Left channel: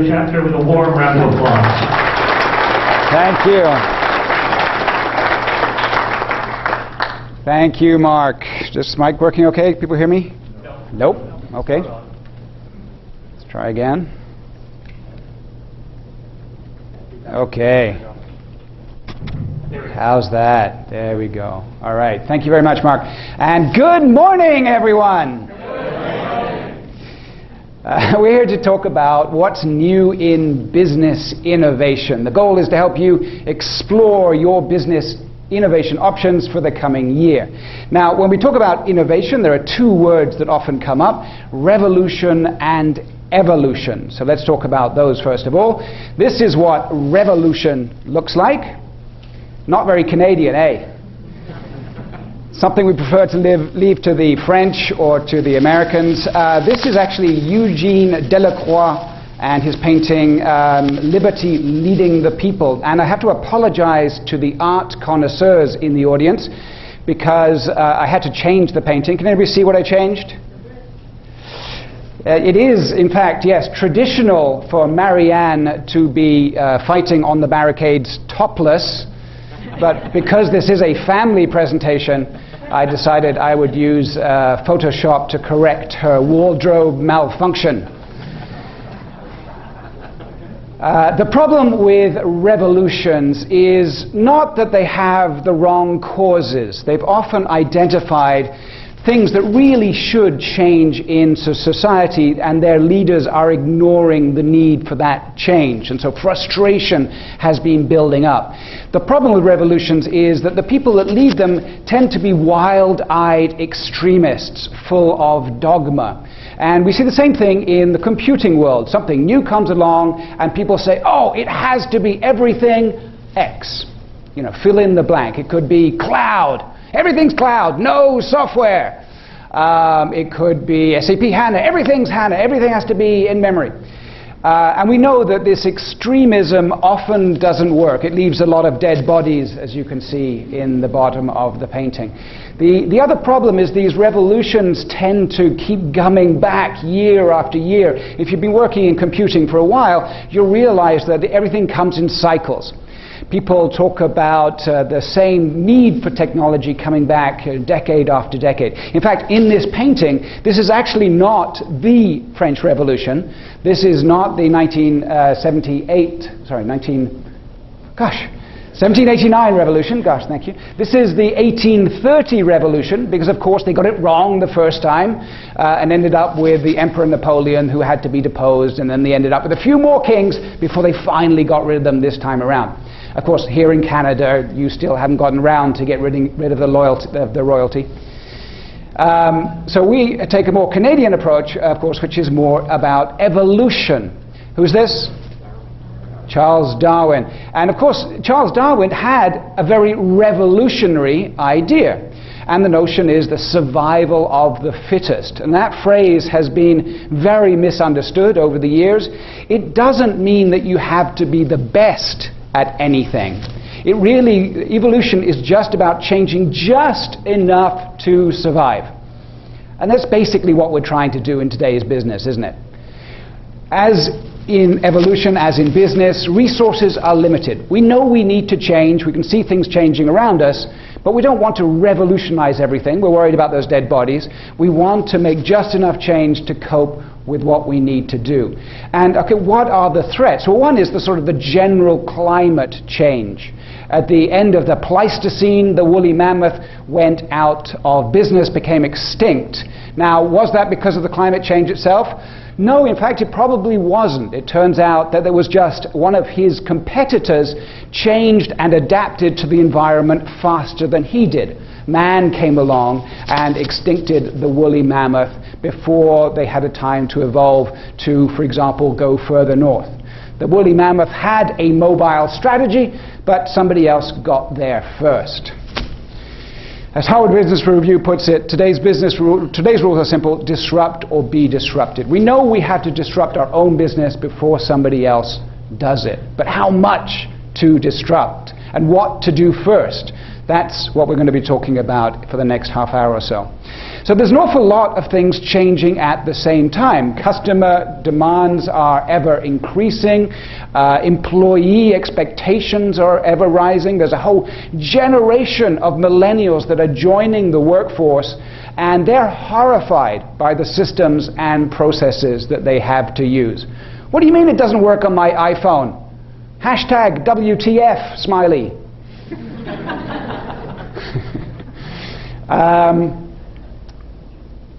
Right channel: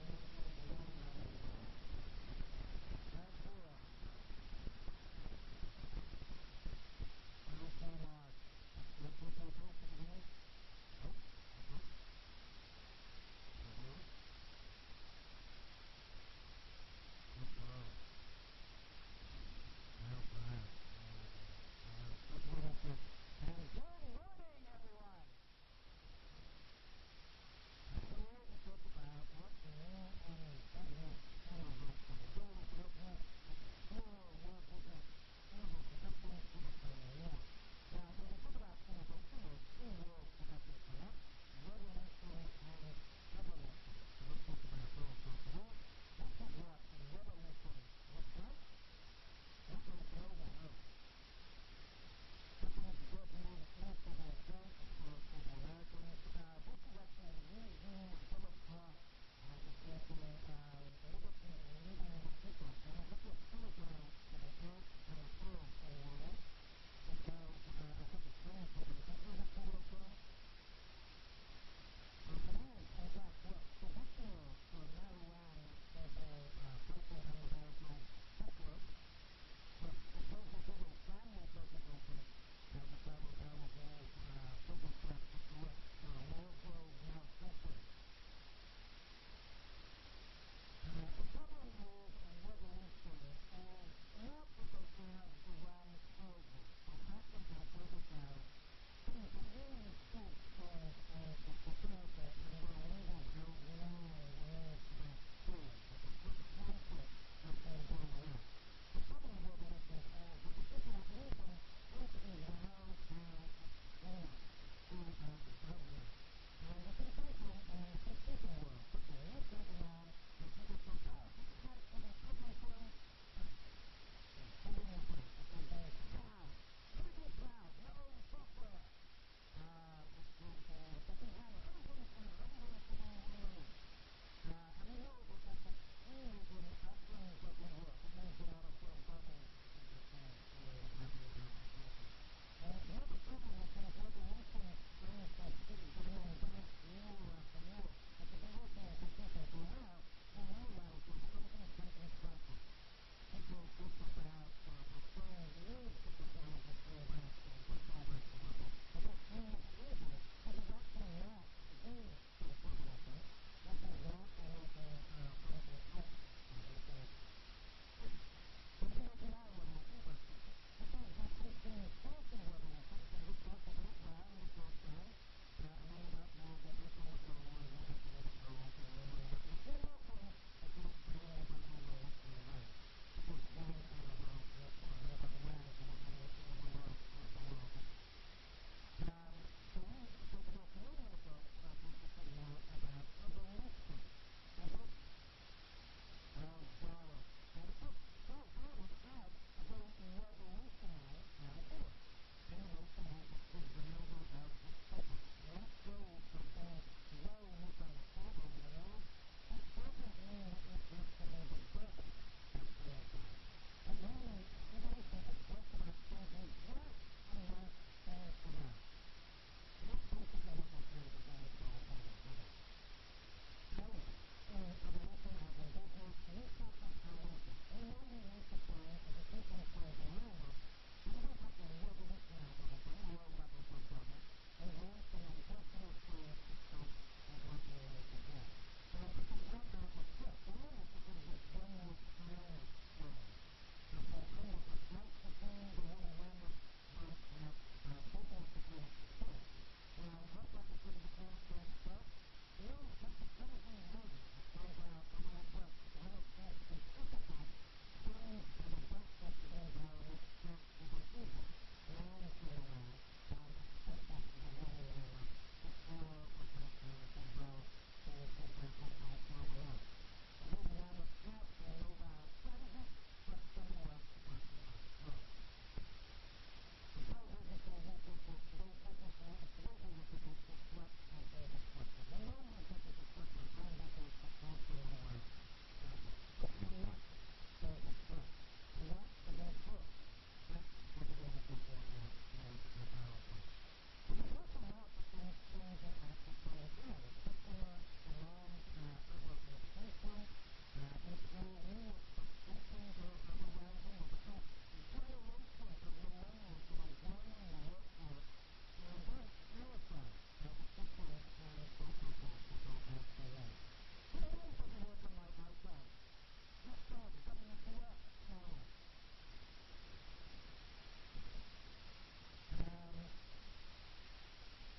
new chapter with a warm round of applause. Thank you. Thank you, Mark. Is this mic working okay? People hear me? No. Nope. Okay. Let's try again. Okay. How's that? There we go. All right. Thank you very much, Mark. And good morning, everyone. We're here to talk about what's new in business innovation. The goal is to help you explore your business innovation options for the coming year. Now, when we talk about innovation, there are two words that often come up: revolution and evolution. So let's talk about those first of all. This is what revolution looks like. Not very Canadian, eh? Something we prefer to leave to the French or to the Americans. This is actually Eugene Delacroix and his painting Liberty Leading the People. And I have to apologize to the art connoisseurs in the audience because I had to change the painting. Can anybody see what I changed? It is, in fact, yes, traditional for Marianne to be fighting on the barricades topless. But because this is a family presentation, I decided I would use Photoshop to correct her wardrobe malfunction. The problem with revolutions is not that they have the wrong causes. They've often identified things that really should change in society, and their leaders are ignoring the need for that change. And so frustration has been building up. The problem with revolutions is that the people that lead them tend to be wild-eyed extremists full of dogma. And we see the same thing in the computing world. Something new comes along and people say, oh, it has to be everything X. You know, fill in the blank. It could be cloud. Everything's cloud, no software. It could be SAP HANA, everything's HANA, everything has to be in memory. And we know that this extremism often doesn't work. It leaves a lot of dead bodies, as you can see in the bottom of the painting. The other problem is these revolutions tend to keep coming back year after year. If you've been working in computing for a while, you'll realize that everything comes in cycles. People talk about the same need for technology coming back decade after decade. In fact, in this painting, this is actually not the French Revolution. This is not the 1789 revolution. Gosh, thank you. This is the 1830 revolution, because of course they got it wrong the first time and ended up with the Emperor Napoleon, who had to be deposed, and then they ended up with a few more kings before they finally got rid of them this time around. Of course, here in Canada, you still haven't gotten around to get rid of the royalty. So we take a more Canadian approach, of course, which is more about evolution. Who's this? Charles Darwin. And of course, Charles Darwin had a very revolutionary idea. And the notion is the survival of the fittest. And that phrase has been very misunderstood over the years. It doesn't mean that you have to be the best at anything. Evolution is just about changing just enough to survive. And that's basically what we're trying to do in today's business, isn't it? As in evolution, as in business, resources are limited. We know we need to change. We can see things changing around us, but we don't want to revolutionize everything. We're worried about those dead bodies. We want to make just enough change to cope with what we need to do. And okay, what are the threats? Well, one is the sort of the general climate change. At the end of the Pleistocene, the woolly mammoth went out of business, became extinct. Now, was that because of the climate change itself? No, in fact, it probably wasn't. It turns out that there was just one of his competitors changed and adapted to the environment faster than he did. Man came along and extincted the woolly mammoth before they had a time to evolve to, for example, go further north. The woolly mammoth had a mobile strategy, but somebody else got there first. As Harvard Business Review puts it, today's rules are simple: disrupt or be disrupted. We know we have to disrupt our own business before somebody else does it. But how much to disrupt? and what to do first. That's what we're going to be talking about for the next half hour or so. So there's an awful lot of things changing at the same time. Customer demands are ever increasing. Employee expectations are ever rising. There's a whole generation of millennials that are joining the workforce, and they're horrified by the systems and processes that they have to use. What do you mean it doesn't work on my iPhone? Hashtag WTF, smiley.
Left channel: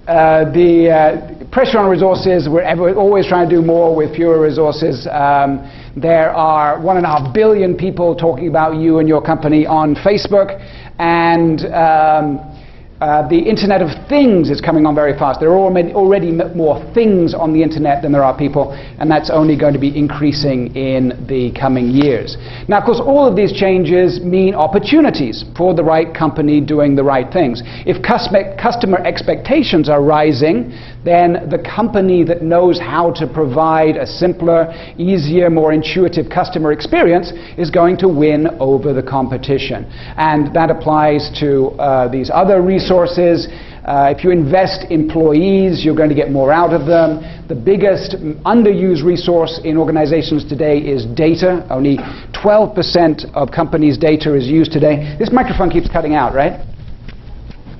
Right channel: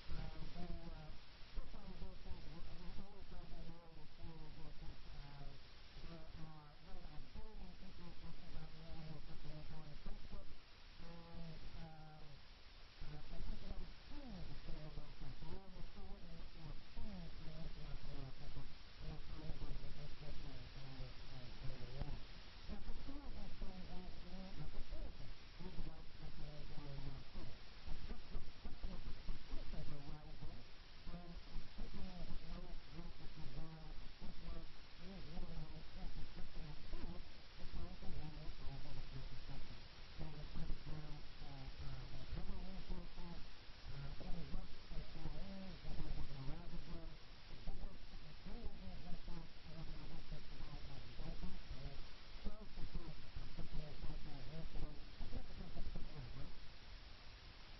The pressure on resources, we're always trying to do more with fewer resources. There are 1.5 billion people talking about you and your company on Facebook, and the Internet of Things is coming on very fast. There are already more things on the Internet than there are people, and that's only going to be increasing in the coming years. Now, of course, all of these changes mean opportunities for the right company doing the right things. If customer expectations are rising, then the company that knows how to provide a simpler, easier, more intuitive customer experience is going to win over the competition. And that applies to these other resources. If you invest employees, you're going to get more out of them. The biggest underused resource in organizations today is data. Only 12% of companies' data is used today. This microphone keeps cutting out, right?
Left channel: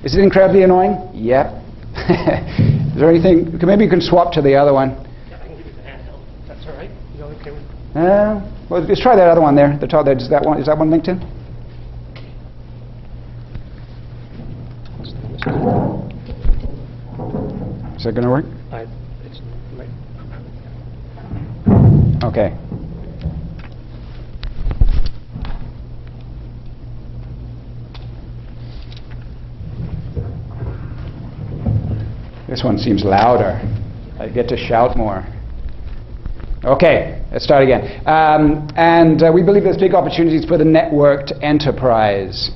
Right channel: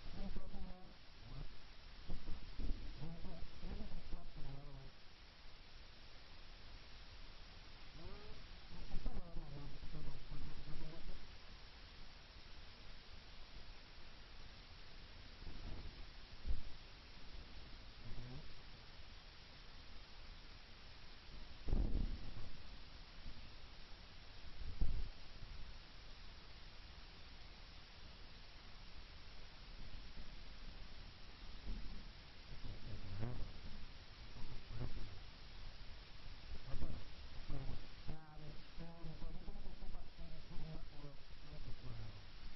Is it incredibly annoying? Yep. Is there anything? Maybe you can swap to the other one. Yeah, I can give you the handheld. That's all right. You okay with? Well, let's try that other one there. The top there. Is that one linked in? Is that going to work? It's right. Okay. This one seems louder. I get to shout more. Okay, let's start again. We believe there's big opportunities for the networked enterprise.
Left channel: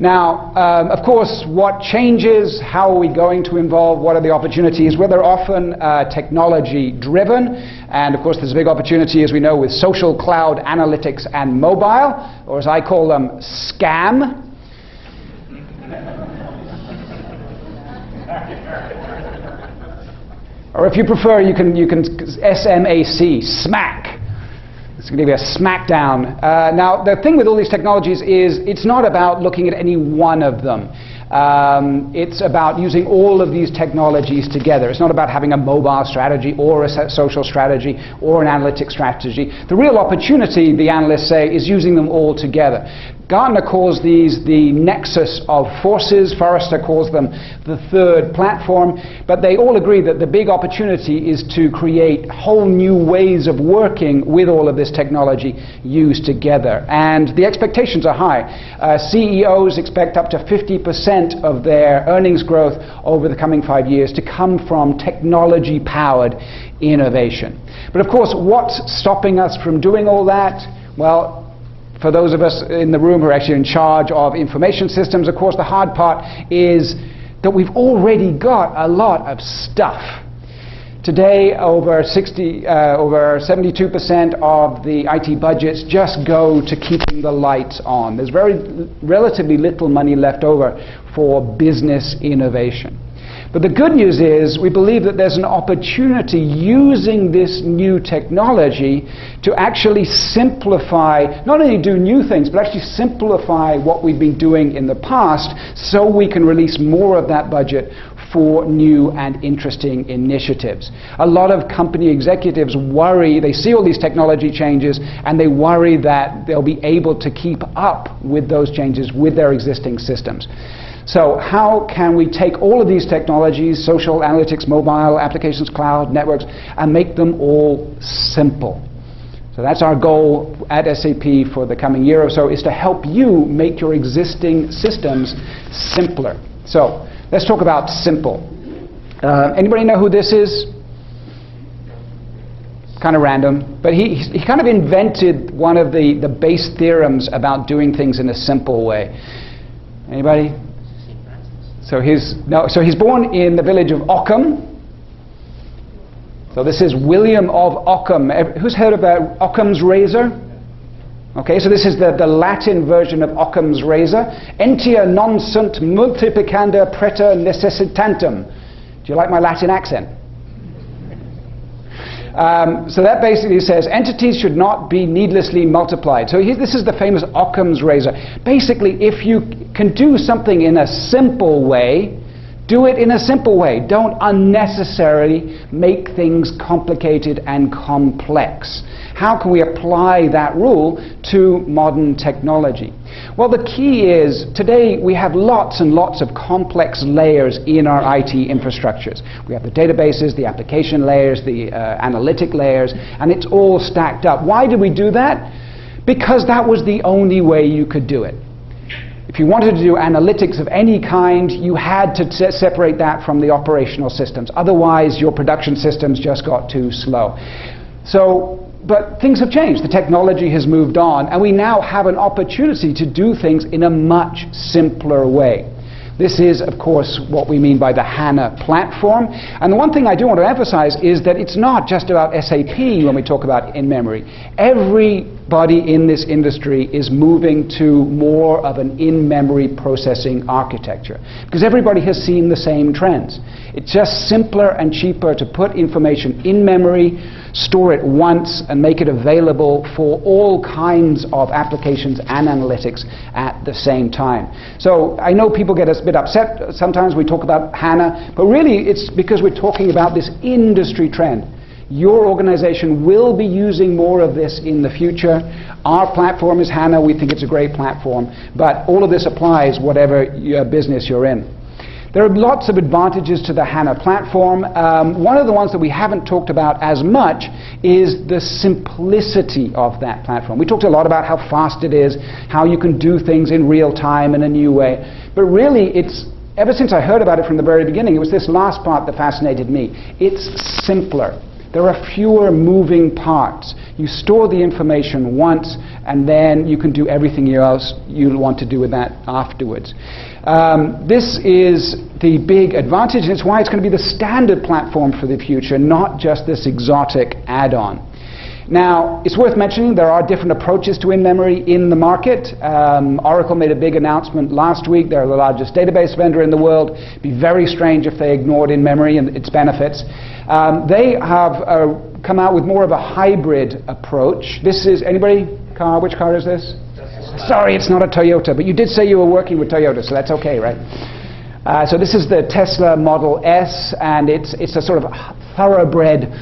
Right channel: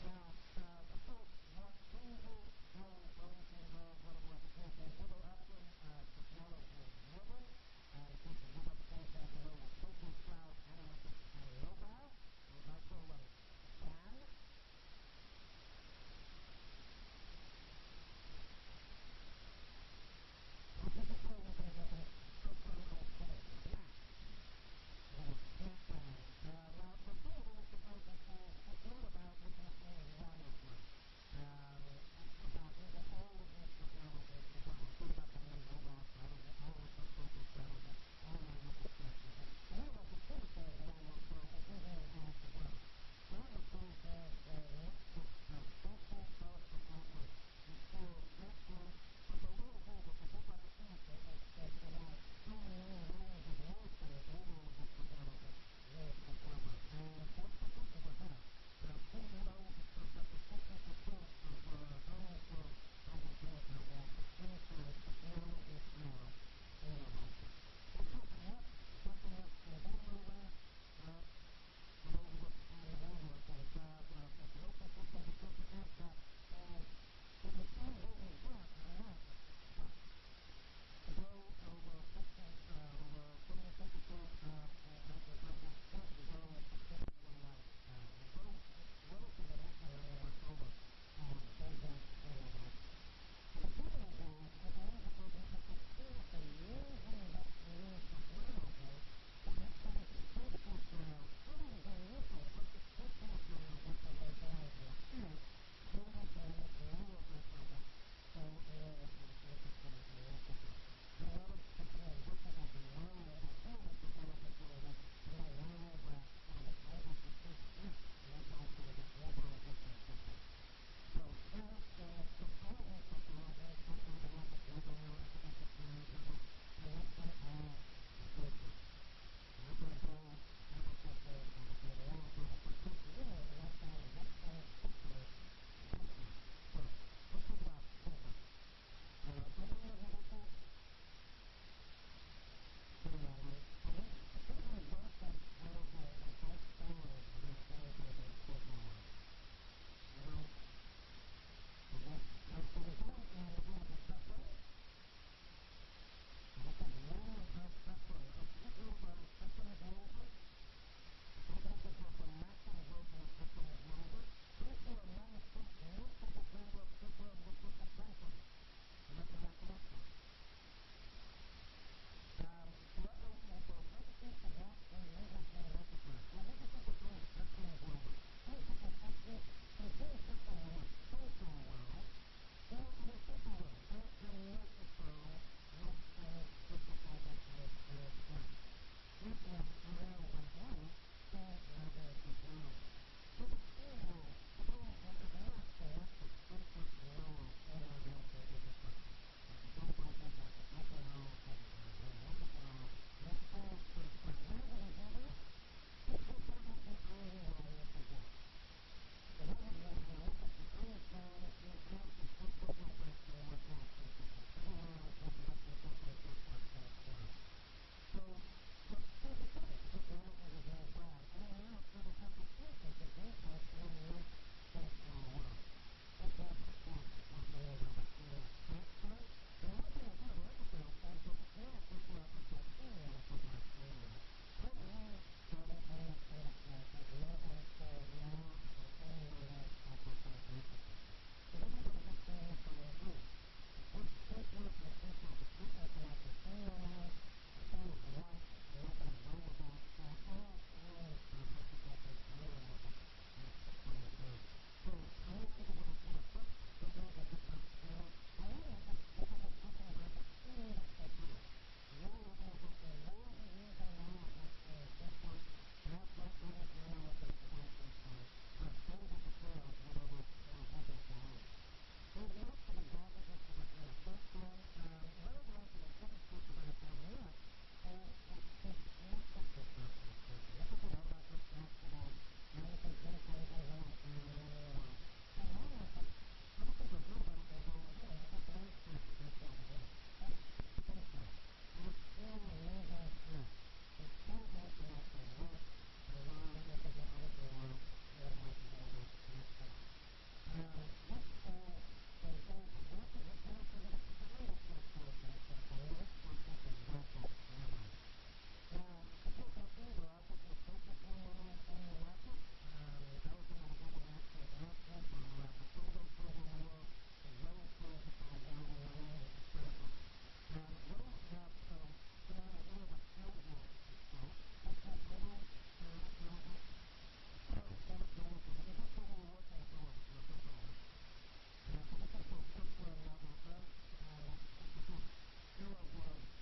Now, of course, what changes? How are we going to involve? What are the opportunities? Well, they're often technology-driven. And, of course, there's a big opportunity, as we know, with social cloud analytics and mobile, or as I call them, SCAM. Or if you prefer, you can SMAC, smack. It's going to be a smackdown. Now, the thing with all these technologies is it's not about looking at any one of them. It's about using all of these technologies together. It's not about having a mobile strategy or a social strategy or an analytics strategy. The real opportunity, the analysts say, is using them all together. Gartner calls these the nexus of forces. Forrester calls them the third platform. But they all agree that the big opportunity is to create whole new ways of working with all of this technology used together. And the expectations are high. CEOs expect up to 50% of their earnings growth over the coming 5 years to come from technology-powered innovation. But of course, what's stopping us from doing all that? Well, for those of us in the room who are actually in charge of information systems, of course, the hard part is that we've already got a lot of stuff. Today, over 72% of the IT budgets just go to keeping the lights on. There's relatively little money left over for business innovation. But the good news is we believe that there's an opportunity using this new technology to actually simplify, not only do new things, but actually simplify what we've been doing in the past so we can release more of that budget for new and interesting initiatives. A lot of company executives worry, they see all these technology changes, and they worry that they'll be able to keep up with those changes with their existing systems. So how can we take all of these technologies, social, analytics, mobile, applications, cloud, networks, and make them all simple? So that's our goal at SAP for the coming year or so, is to help you make your existing systems simpler. So let's talk about simple. Anybody know who this is? Kind of random, but he kind of invented one of the base theorems about doing things in a simple way. Anybody? So he's born in the village of Occam. So this is William of Occam. Who's heard about Occam's Razor? Okay, so this is the Latin version of Occams Razor. Entia non sunt multiplicanda preta necessitantem. Do you like my Latin accent? So that basically says entities should not be needlessly multiplied. So this is the famous Occams Razor. Basically, if you can do something in a simple way, do it in a simple way. Don't unnecessarily make things complicated and complex. How can we apply that rule to modern technology? Well, the key is, today we have lots and lots of complex layers in our IT infrastructures. We have the databases, the application layers, the analytic layers, and it's all stacked up. Why did we do that? Because that was the only way you could do it. If you wanted to do analytics of any kind, you had to separate that from the operational systems. Otherwise, your production systems just got too slow. But things have changed. The technology has moved on, and we now have an opportunity to do things in a much simpler way. This is, of course, what we mean by the HANA platform. And the one thing I do want to emphasize is that it's not just about SAP when we talk about in-memory. Everybody in this industry is moving to more of an in-memory processing architecture, because everybody has seen the same trends. It's just simpler and cheaper to put information in memory, store it once, and make it available for all kinds of applications and analytics at the same time. So I know people get a bit upset sometimes we talk about HANA, but really it's because we're talking about this industry trend. Your organization will be using more of this in the future. Our platform is HANA. We think it's a great platform, but all of this applies whatever business you're in. There are lots of advantages to the HANA platform. One of the ones that we haven't talked about as much is the simplicity of that platform. We talked a lot about how fast it is, how you can do things in real time in a new way. But really, ever since I heard about it from the very beginning, it was this last part that fascinated me. It's simpler. There are fewer moving parts. You store the information once, and then you can do everything else you want to do with that afterwards. This is the big advantage, and it's why it's going to be the standard platform for the future, not just this exotic add-on. Now, it's worth mentioning there are different approaches to in-memory in the market. Oracle made a big announcement last week. They're the largest database vendor in the world. It'd be very strange if they ignored in-memory and its benefits. They have come out with more of a hybrid approach. This is, anybody? Car? Which car is this? Sorry, it's not a Toyota, but you did say you were working with Toyota, so that's okay, right? So this is the Tesla Model S, and it's a sort of thoroughbred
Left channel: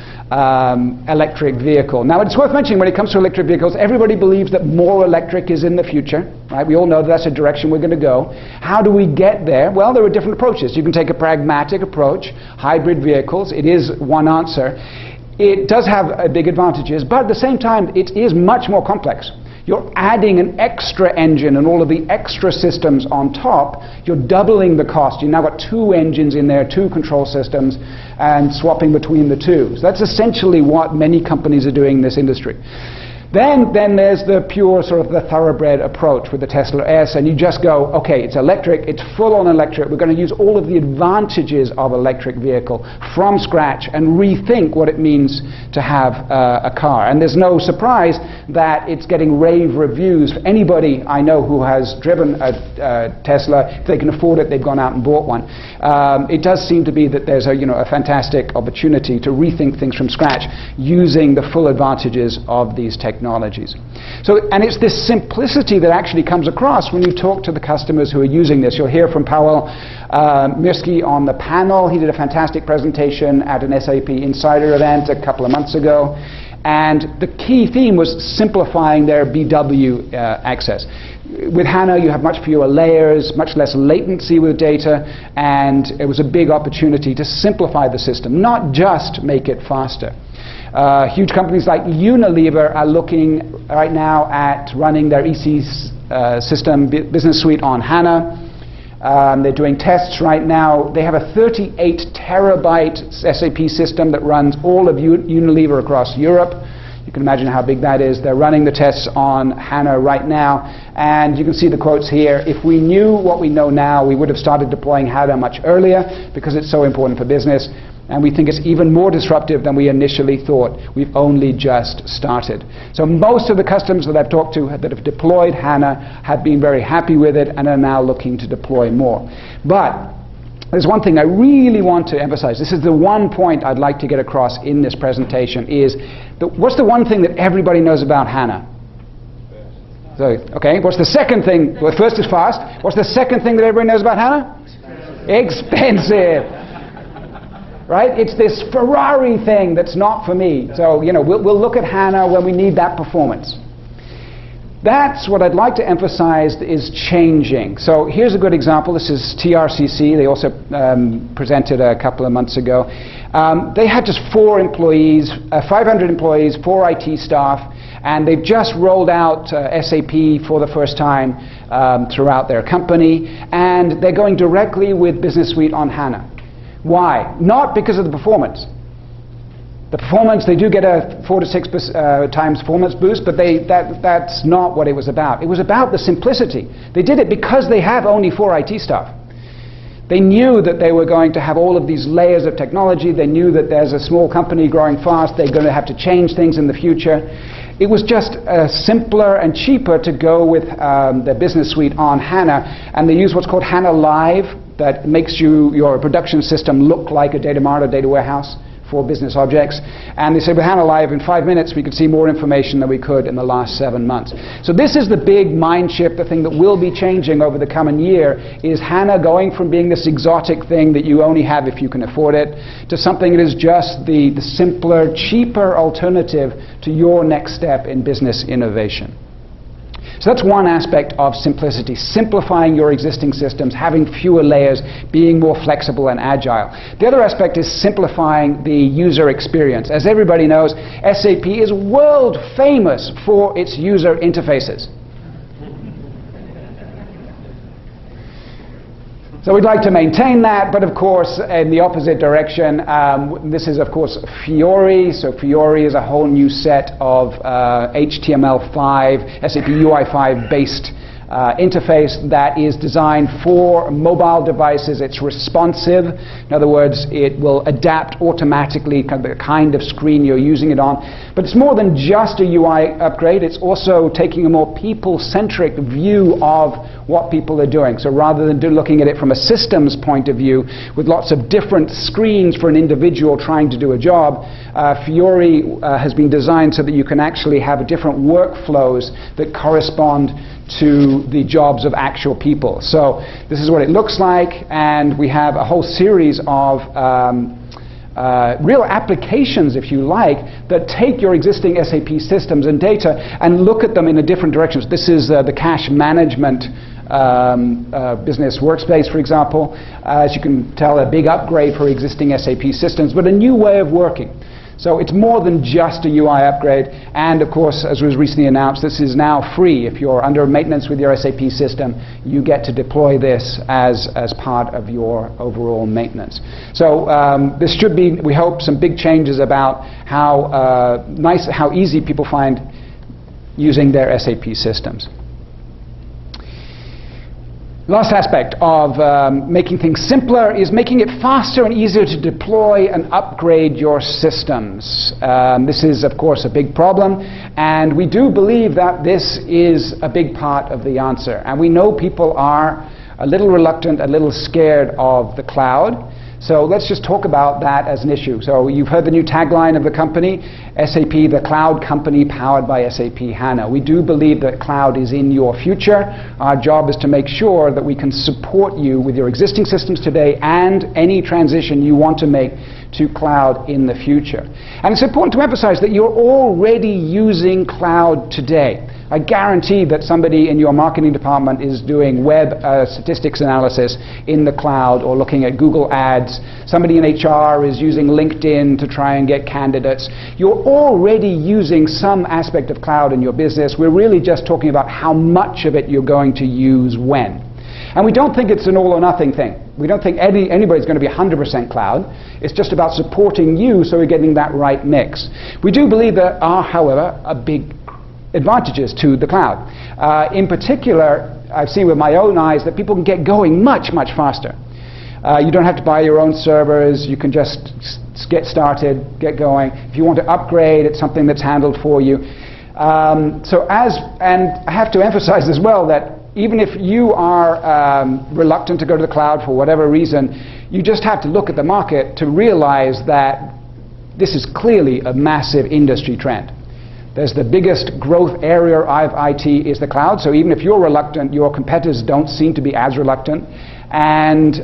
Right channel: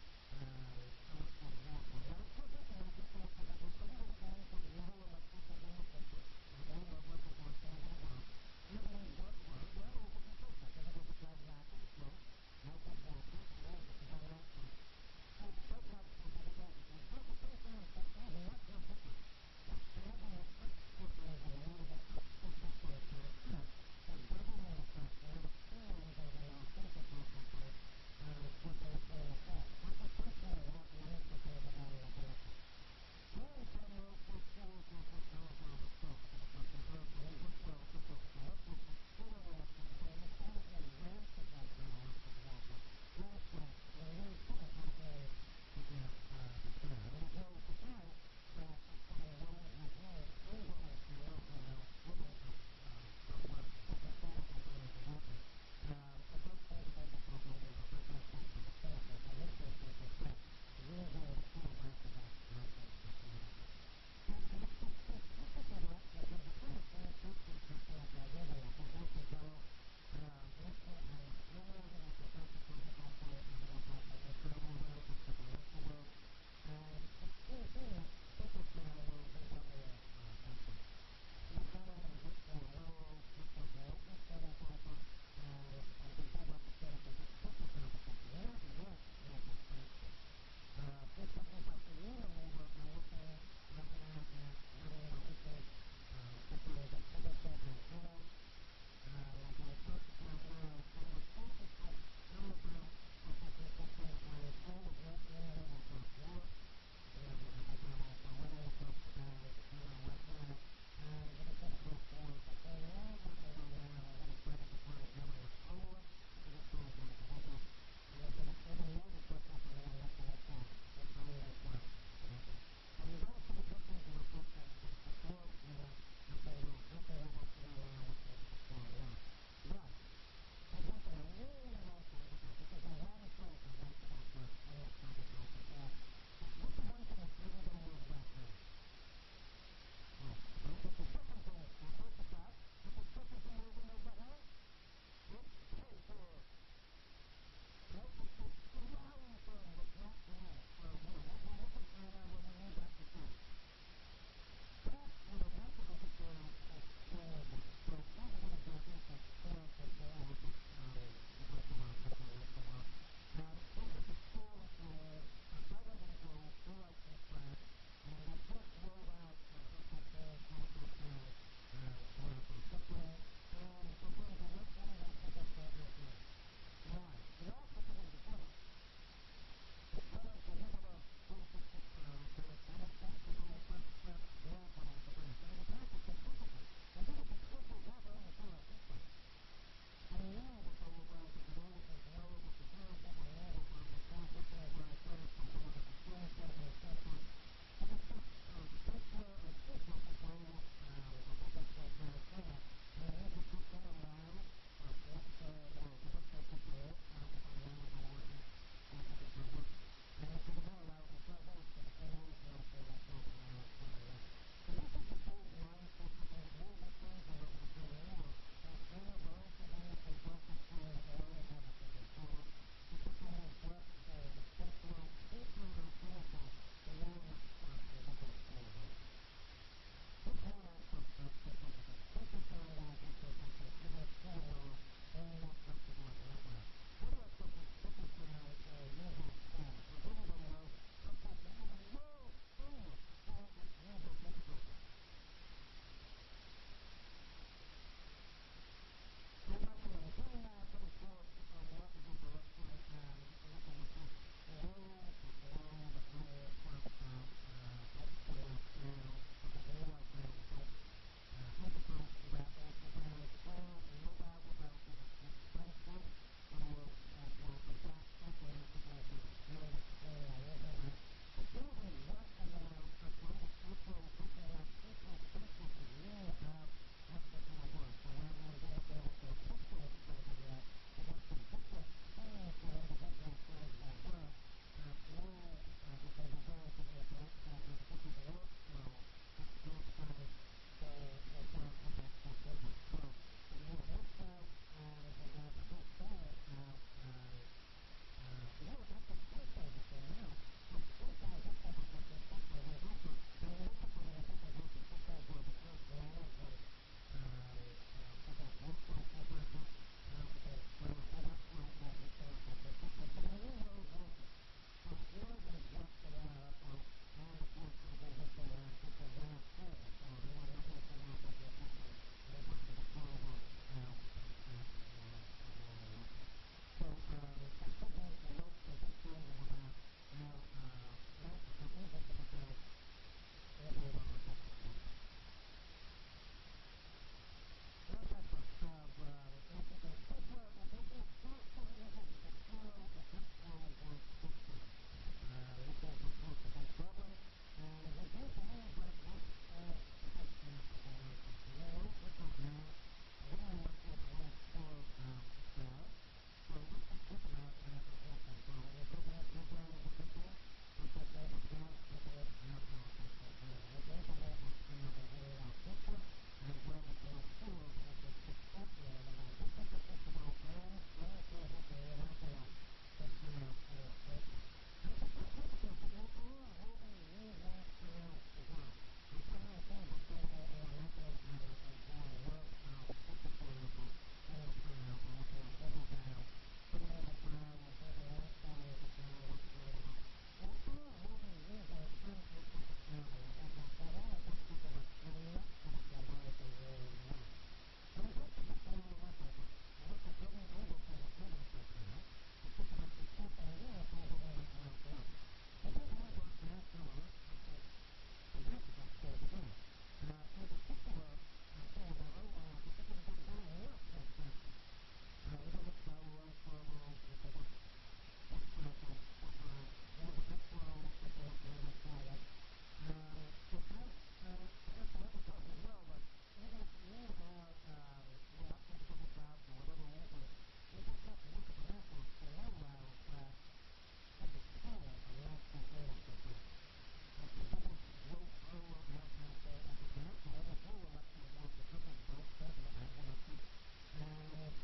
electric vehicle. Now, it's worth mentioning when it comes to electric vehicles, everybody believes that more electric is in the future, right? We all know that's a direction we're going to go. How do we get there? Well, there are different approaches. You can take a pragmatic approach, hybrid vehicles. It is one answer. It does have big advantages, but at the same time, it is much more complex. You're adding an extra engine and all of the extra systems on top. You're doubling the cost. You've now got 2 engines in there, 2 control systems, and swapping between the 2. So that's essentially what many companies are doing in this industry. Then there's the pure sort of the thoroughbred approach with the Tesla S, and you just go, okay, it's electric, it's full-on electric. We're going to use all of the advantages of electric vehicle from scratch and rethink what it means to have a car. And there's no surprise that it's getting rave reviews. For anybody I know who has driven a Tesla, if they can afford it, they've gone out and bought one. It does seem to be that there's a fantastic opportunity to rethink things from scratch using the full advantages of these technologies. So, and it's this simplicity that actually comes across when you talk to the customers who are using this. You'll hear from Paweł Mirski on the panel. He did a fantastic presentation at an SAP Insider event a couple of months ago. And the key theme was simplifying their BW access. With HANA, you have much fewer layers, much less latency with data, and it was a big opportunity to simplify the system, not just make it faster. Huge companies like Unilever are looking right now at running their EC system, Business Suite, on HANA. They're doing tests right now. They have a 38 terabyte SAP system that runs all of Unilever across Europe. You can imagine how big that is. They're running the tests on HANA right now. And you can see the quotes here. If we knew what we know now, we would have started deploying HANA much earlier because it's so important for business. And we think it's even more disruptive than we initially thought. We've only just started. So most of the customers that I've talked to that have deployed HANA have been very happy with it and are now looking to deploy more. But there's one thing I really want to emphasize. This is the one point I'd like to get across in this presentation is, what's the one thing that everybody knows about HANA? So, okay, what's the second thing? Well, first is fast. What's the second thing that everybody knows about HANA? Expensive. Right? It's this Ferrari thing that's not for me. So, we'll look at HANA when we need that performance. That's what I'd like to emphasize is changing. So here's a good example. This is TRCC. They also presented a couple of months ago. They had just 4 employees, 500 employees, 4 IT staff, and they've just rolled out SAP for the first time throughout their company, and they're going directly with Business Suite on HANA. Why? Not because of the performance. The performance, they do get a 4 to 6 times performance boost, but that's not what it was about. It was about the simplicity. They did it because they have only 4 IT staff. They knew that they were going to have all of these layers of technology. They knew that there's a small company growing fast. They're going to have to change things in the future. It was just simpler and cheaper to go with the Business Suite on HANA, and they use what's called HANA Live, that makes your production system look like a data mart or data warehouse for business objects. And they say with HANA Live, in 5 minutes, we could see more information than we could in the last 7 months. So this is the big mind shift, the thing that will be changing over the coming year, is HANA going from being this exotic thing that you only have if you can afford it, to something that is just the simpler, cheaper alternative to your next step in business innovation. So that's one aspect of simplicity, simplifying your existing systems, having fewer layers, being more flexible and agile. The other aspect is simplifying the user experience. As everybody knows, SAP is world famous for its user interfaces. So we'd like to maintain that, but of course, in the opposite direction, this is, of course, Fiori. So Fiori is a whole new set of HTML5, SAP UI5 based interface that is designed for mobile devices. It's responsive. In other words, it will adapt automatically the kind of screen you're using it on. But it's more than just a UI upgrade. It's also taking a more people-centric view of what people are doing. So rather than looking at it from a systems point of view with lots of different screens for an individual trying to do a job, Fiori has been designed so that you can actually have different workflows that correspond to the jobs of actual people. So this is what it looks like, and we have a whole series of real applications, if you like, that take your existing SAP systems and data and look at them in a different directions. This is the cash management business workspace, for example. As you can tell, a big upgrade for existing SAP systems, but a new way of working. So it's more than just a UI upgrade, and of course, as was recently announced, this is now free. If you're under maintenance with your SAP system, you get to deploy this as part of your overall maintenance. So this should be, we hope, some big changes about how easy people find using their SAP systems. Last aspect of making things simpler is making it faster and easier to deploy and upgrade your systems. This is, of course, a big problem, and we do believe that this is a big part of the answer. And we know people are a little reluctant, a little scared of the cloud. So let's just talk about that as an issue. So you've heard the new tagline of the company, SAP, the cloud company powered by SAP HANA. We do believe that cloud is in your future. Our job is to make sure that we can support you with your existing systems today and any transition you want to make to cloud in the future. And it's important to emphasize that you're already using cloud today. I guarantee that somebody in your marketing department is doing web statistics analysis in the cloud or looking at Google Ads. Somebody in HR is using LinkedIn to try and get candidates. You're already using some aspect of cloud in your business. We're really just talking about how much of it you're going to use when. And we don't think it's an all or nothing thing. We don't think anybody's going to be 100% cloud. It's just about supporting you so we're getting that right mix. We do believe there are, however, a big advantages to the cloud. In particular, I've seen with my own eyes that people can get going much, much faster. You don't have to buy your own servers. You can just get started, get going. If you want to upgrade, it's something that's handled for you. And I have to emphasize as well that even if you are reluctant to go to the cloud for whatever reason, you just have to look at the market to realize that this is clearly a massive industry trend. There's the biggest growth area of IT is the cloud, so even if you're reluctant, your competitors don't seem to be as reluctant. And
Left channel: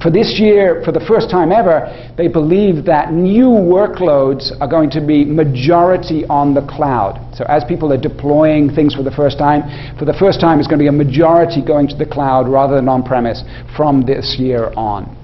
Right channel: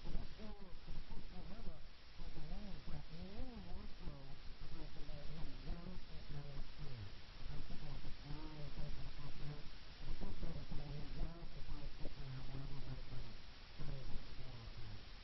for this year, for the first time ever, they believe that new workloads are going to be majority on the cloud. So as people are deploying things for the first time it's going to be a majority going to the cloud rather than on-premise from this year on.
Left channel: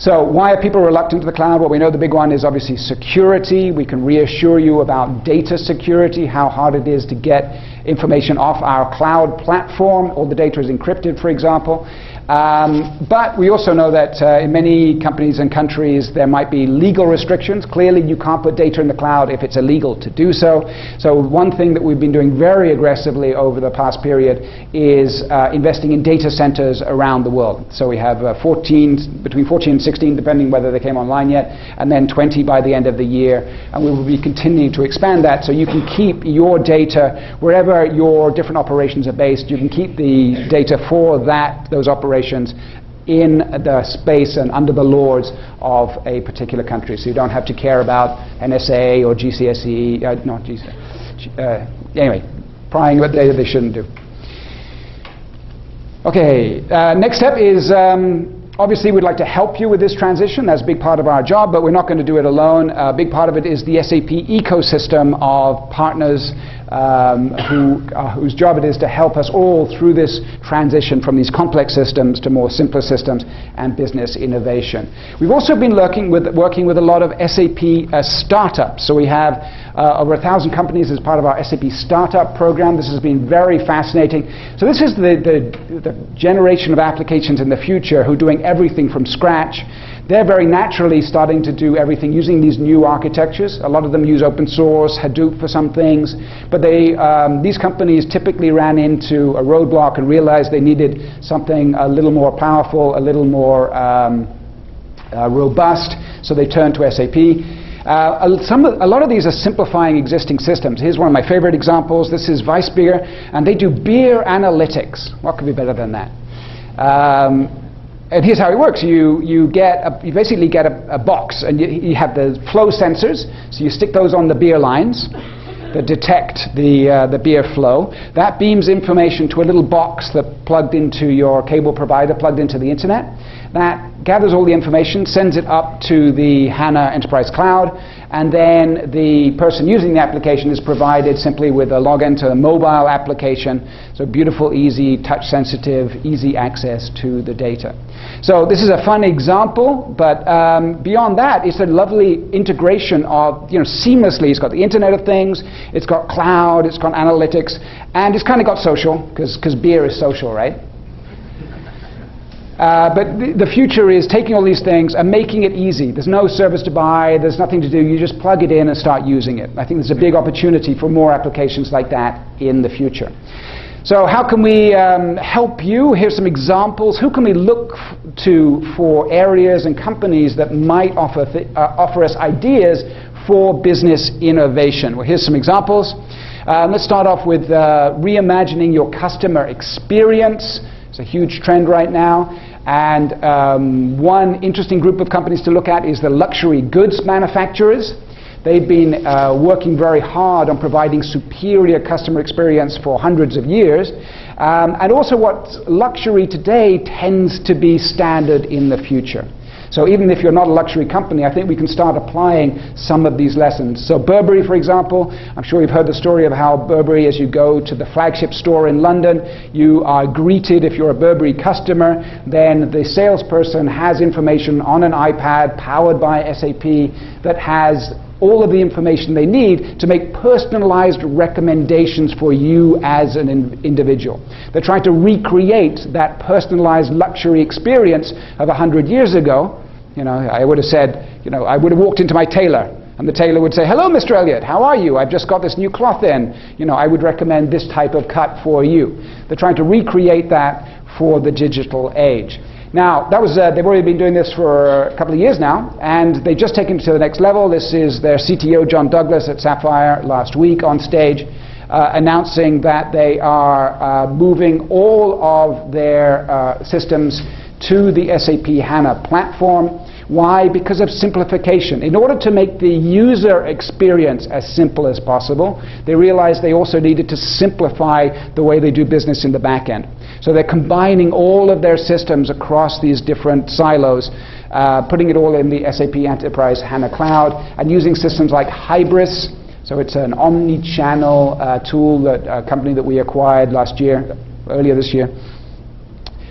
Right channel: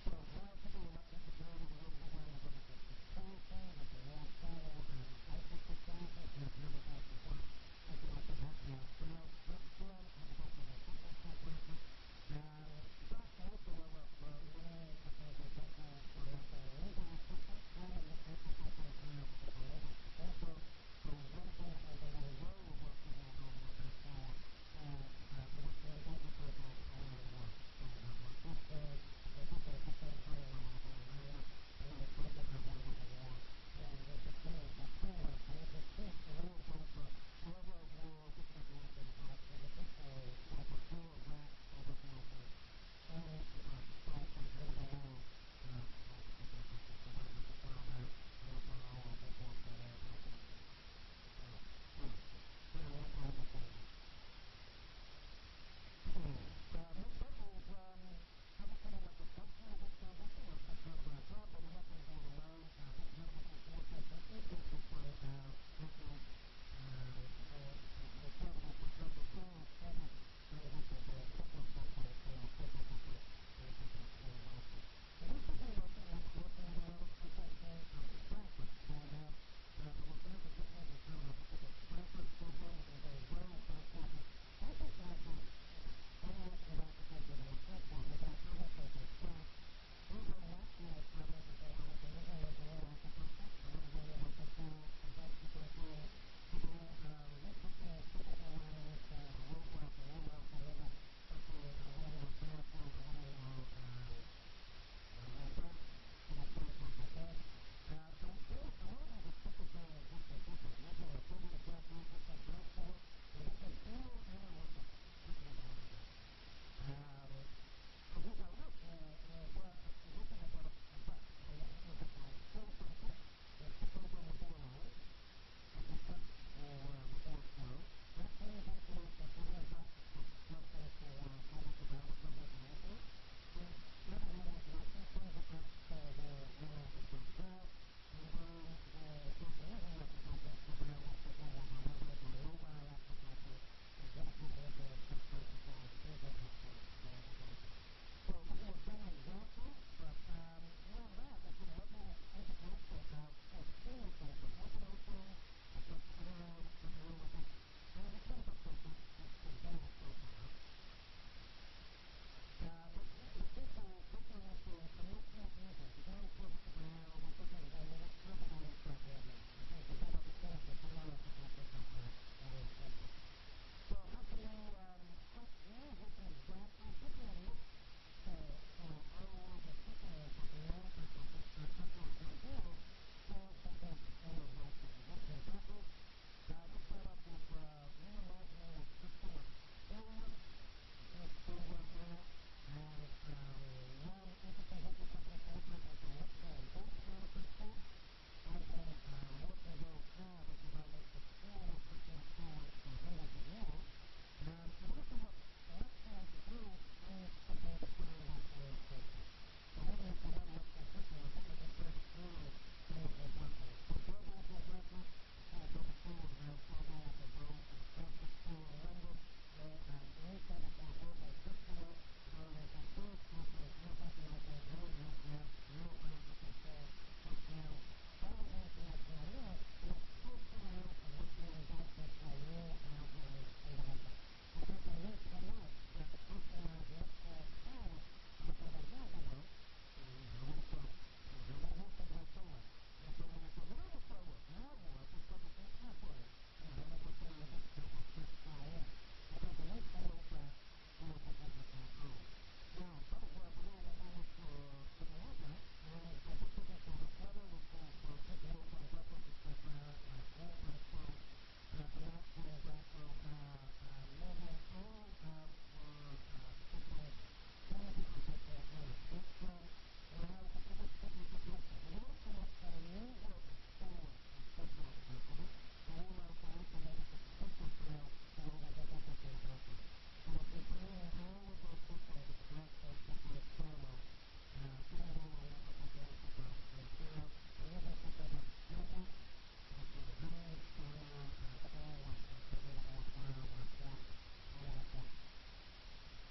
So why are people reluctant to the cloud? Well, we know the big one is obviously security. We can reassure you about data security, how hard it is to get information off our cloud platform. All the data is encrypted, for example. But we also know that in many companies and countries there might be legal restrictions. Clearly you can't put data in the cloud if it's illegal to do so. So one thing that we've been doing very aggressively over the past period is investing in data centers around the world. So we have between 14 and 16, depending whether they came online yet, and then 20 by the end of the year. And we will be continuing to expand that so you can keep your data wherever your different operations are based. You can keep the data for those operations in the space and under the laws of a particular country. So you don't have to care about NSA or GCSE, anyway, prying what data they shouldn't do. Okay, next step is obviously we'd like to help you with this transition. That's a big part of our job, but we're not going to do it alone. A big part of it is the SAP ecosystem of partners whose job it is to help us all through this transition from these complex systems to more simpler systems and business innovation. We've also been working with a lot of SAP startups. So we have over 1,000 companies as part of our SAP startup program. This has been very fascinating. So this is the generation of applications in the future who are doing everything from scratch. They're very naturally starting to do everything using these new architectures. A lot of them use open source, Hadoop for some things, but these companies typically ran into a roadblock and realized they needed something a little more powerful, a little more robust, so they turned to SAP. A lot of these are simplifying existing systems. Here's one of my favorite examples. This is Weissbier, and they do beer analytics. What could be better than that? And here's how it works. You basically get a box, and you have the flow sensors. So you stick those on the beer lines that detect the beer flow. That beams information to a little box that plugged into your cable provider, plugged into the internet. That gathers all the information, sends it up to the HANA Enterprise Cloud, and then the person using the application is provided simply with a login to a mobile application. So beautiful, easy, touch-sensitive, easy access to the data. So this is a fun example, but beyond that, it's a lovely integration of, seamlessly. It's got the Internet of Things, it's got cloud, it's got analytics, and it's kind of got social, because beer is social, right? But the future is taking all these things and making it easy. There's no service to buy, there's nothing to do, you just plug it in and start using it. I think there's a big opportunity for more applications like that in the future. So how can we help you? Here's some examples. Who can we look to for areas and companies that might offer us ideas for business innovation? Well, here's some examples. Let's start off with reimagining your customer experience. It's a huge trend right now. And one interesting group of companies to look at is the luxury goods manufacturers. They've been working very hard on providing superior customer experience for hundreds of years. And also what's luxury today tends to be standard in the future. So even if you're not a luxury company, I think we can start applying some of these lessons. So Burberry, for example, I'm sure you've heard the story of how Burberry, as you go to the flagship store in London, you are greeted, if you're a Burberry customer, then the salesperson has information on an iPad powered by SAP that has all of the information they need to make personalized recommendations for you as an individual. They're trying to recreate that personalized luxury experience of 100 years ago. I would have said, I would have walked into my tailor, and the tailor would say, "Hello, Mr. Elliot, how are you? I've just got this new cloth in. I would recommend this type of cut for you." They're trying to recreate that for the digital age. Now, that was, they've already been doing this for a couple of years now, and they've just taken it to the next level. This is their CTO, John Douglas, at Sapphire last week on stage, announcing that they are moving all of their systems to the SAP HANA platform. Why? Because of simplification. In order to make the user experience as simple as possible, they realized they also needed to simplify the way they do business in the back end. So they're combining all of their systems across these different silos, putting it all in the SAP Enterprise HANA Cloud, and using systems like Hybris. So it's an omni-channel tool, that a company that we acquired earlier this year.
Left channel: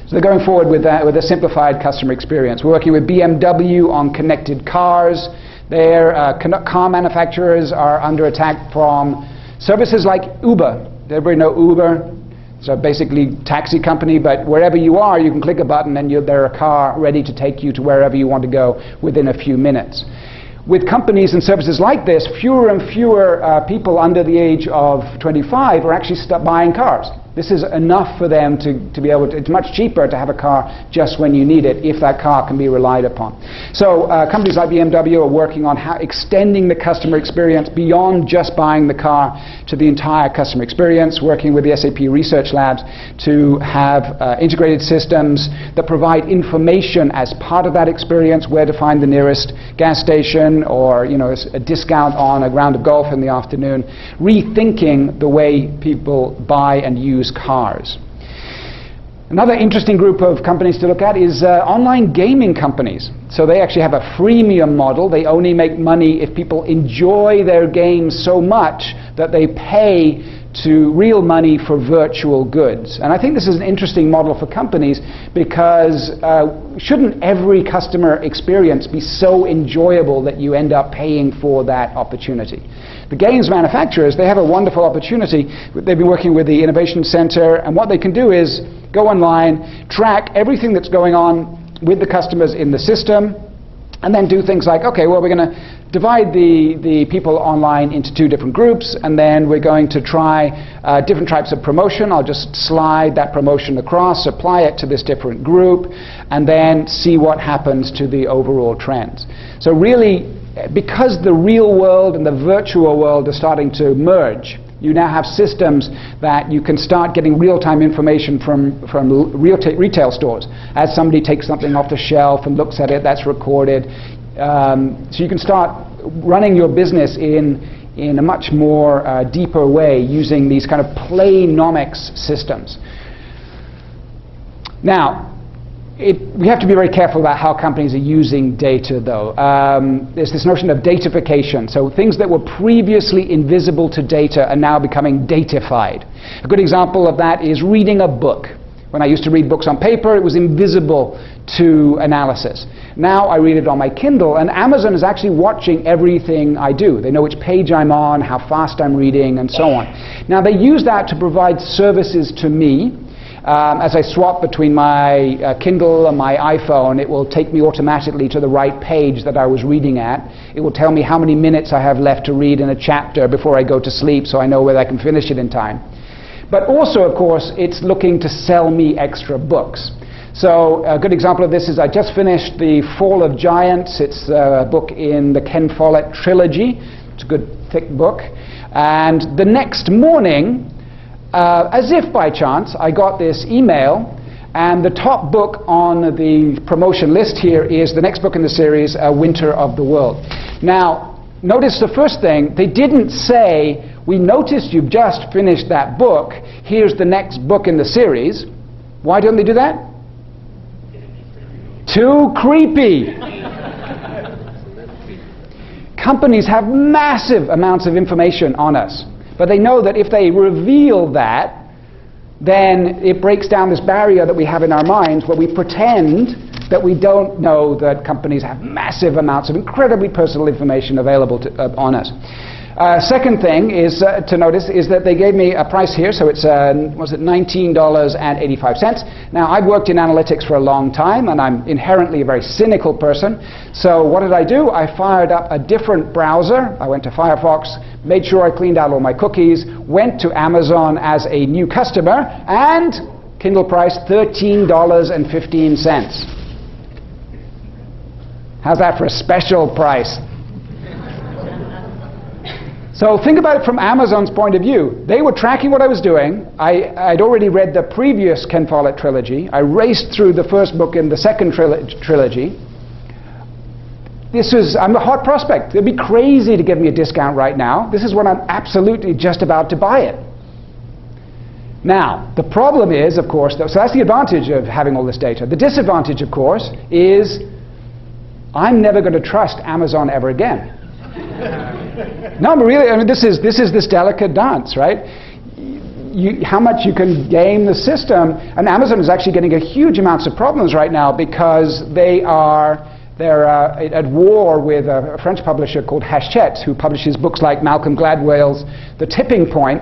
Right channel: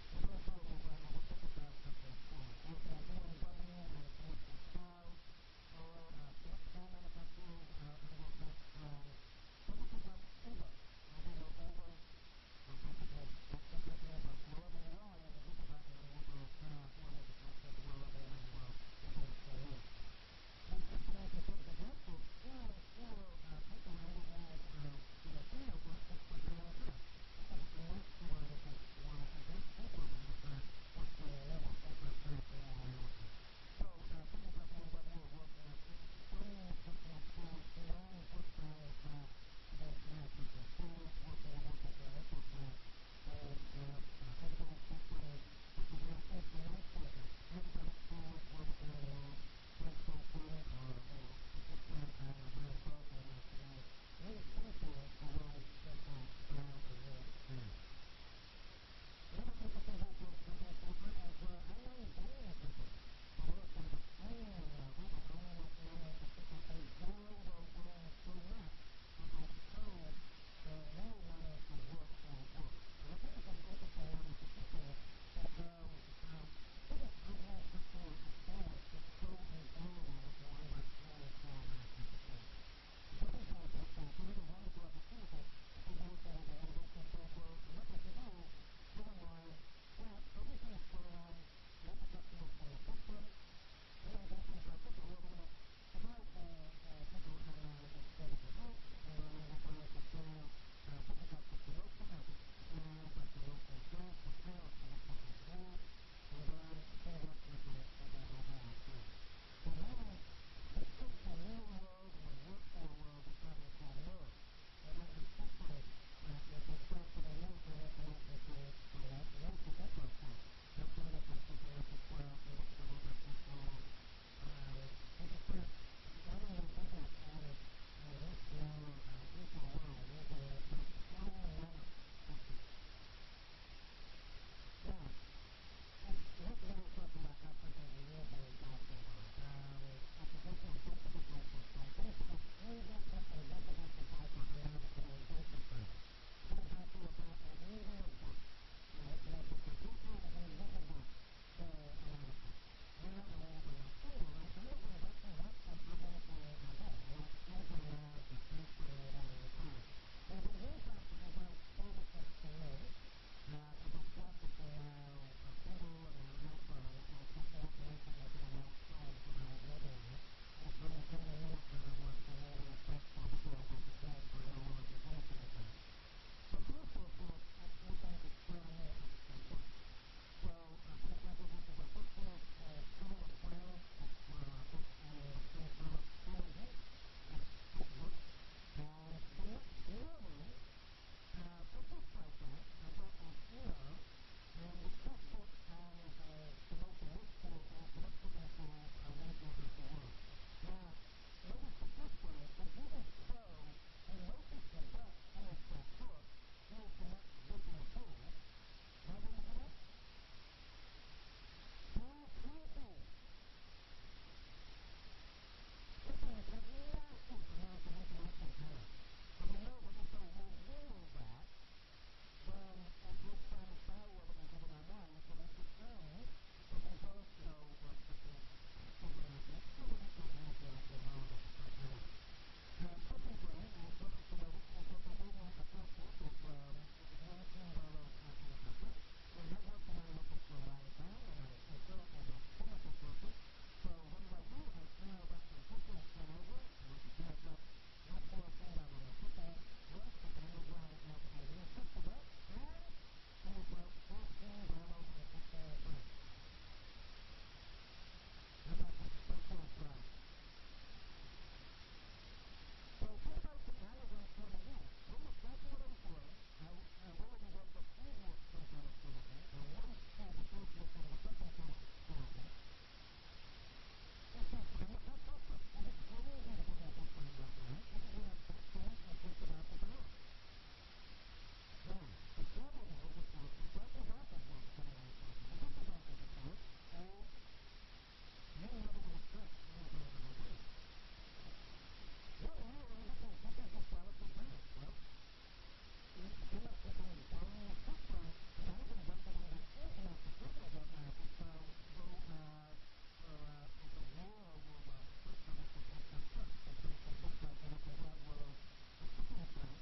So they're going forward with that, with a simplified customer experience. We're working with BMW on connected cars. Their car manufacturers are under attack from services like Uber. Does everybody know Uber? So basically taxi company, but wherever you are, you can click a button and there's a car ready to take you to wherever you want to go within a few minutes. With companies and services like this, fewer and fewer people under the age of 25 are actually buying cars. This is enough for them to be able to, it's much cheaper to have a car just when you need it, if that car can be relied upon. So companies like BMW are working on extending the customer experience beyond just buying the car to the entire customer experience, working with the SAP research labs to have integrated systems that provide information as part of that experience, where to find the nearest gas station, or a discount on a round of golf in the afternoon, rethinking the way people buy and use cars. Another interesting group of companies to look at is online gaming companies. So they actually have a freemium model. They only make money if people enjoy their games so much that they pay to real money for virtual goods. And I think this is an interesting model for companies, because shouldn't every customer experience be so enjoyable that you end up paying for that opportunity? The games manufacturers, they have a wonderful opportunity. They've been working with the Innovation Center, and what they can do is go online, track everything that's going on with the customers in the system, and then do things like, okay, well, we're going to divide the people online into two different groups, and then we're going to try different types of promotion. I'll just slide that promotion across, apply it to this different group, and then see what happens to the overall trends. So really, because the real world and the virtual world are starting to merge, you now have systems that you can start getting real-time information from retail stores. As somebody takes something off the shelf and looks at it, that's recorded. So you can start running your business in a much more deeper way, using these kind of playnomics systems. Now, we have to be very careful about how companies are using data, though. There's this notion of datafication. So things that were previously invisible to data are now becoming datafied. A good example of that is reading a book. When I used to read books on paper, it was invisible to analysis. Now I read it on my Kindle, and Amazon is actually watching everything I do. They know which page I'm on, how fast I'm reading, and so on. Now they use that to provide services to me. As I swap between my Kindle and my iPhone, it will take me automatically to the right page that I was reading at. It will tell me how many minutes I have left to read in a chapter before I go to sleep, so I know whether I can finish it in time. But also, of course, it's looking to sell me extra books. So a good example of this is I just finished The Fall of Giants. It's a book in the Ken Follett trilogy. It's a good, thick book. And the next morning, as if by chance, I got this email, and the top book on the promotion list here is the next book in the series, Winter of the World. Now, notice the first thing, they didn't say, we noticed you've just finished that book, here's the next book in the series. Why don't they do that? Too creepy. Companies have massive amounts of information on us. But they know that if they reveal that, then it breaks down this barrier that we have in our minds, where we pretend that we don't know that companies have massive amounts of incredibly personal information available on us. Second thing is to notice is that they gave me a price here, so it's was it $19.85. Now, I've worked in analytics for a long time, and I'm inherently a very cynical person. So what did I do? I fired up a different browser. I went to Firefox, made sure I cleaned out all my cookies, went to Amazon as a new customer, and Kindle price $13.15. How's that for a special price? So think about it from Amazon's point of view. They were tracking what I was doing. I'd already read the previous Ken Follett trilogy. I raced through the first book in the second trilogy. I'm a hot prospect. It'd be crazy to give me a discount right now. This is when I'm absolutely just about to buy it. Now, the problem is, of course, so that's the advantage of having all this data. The disadvantage, of course, is I'm never going to trust Amazon ever again. No, but really, I mean, this is this delicate dance, right? How much you can game the system, and Amazon is actually getting a huge amounts of problems right now because they're at war with a French publisher called Hachette, who publishes books like Malcolm Gladwell's The Tipping Point,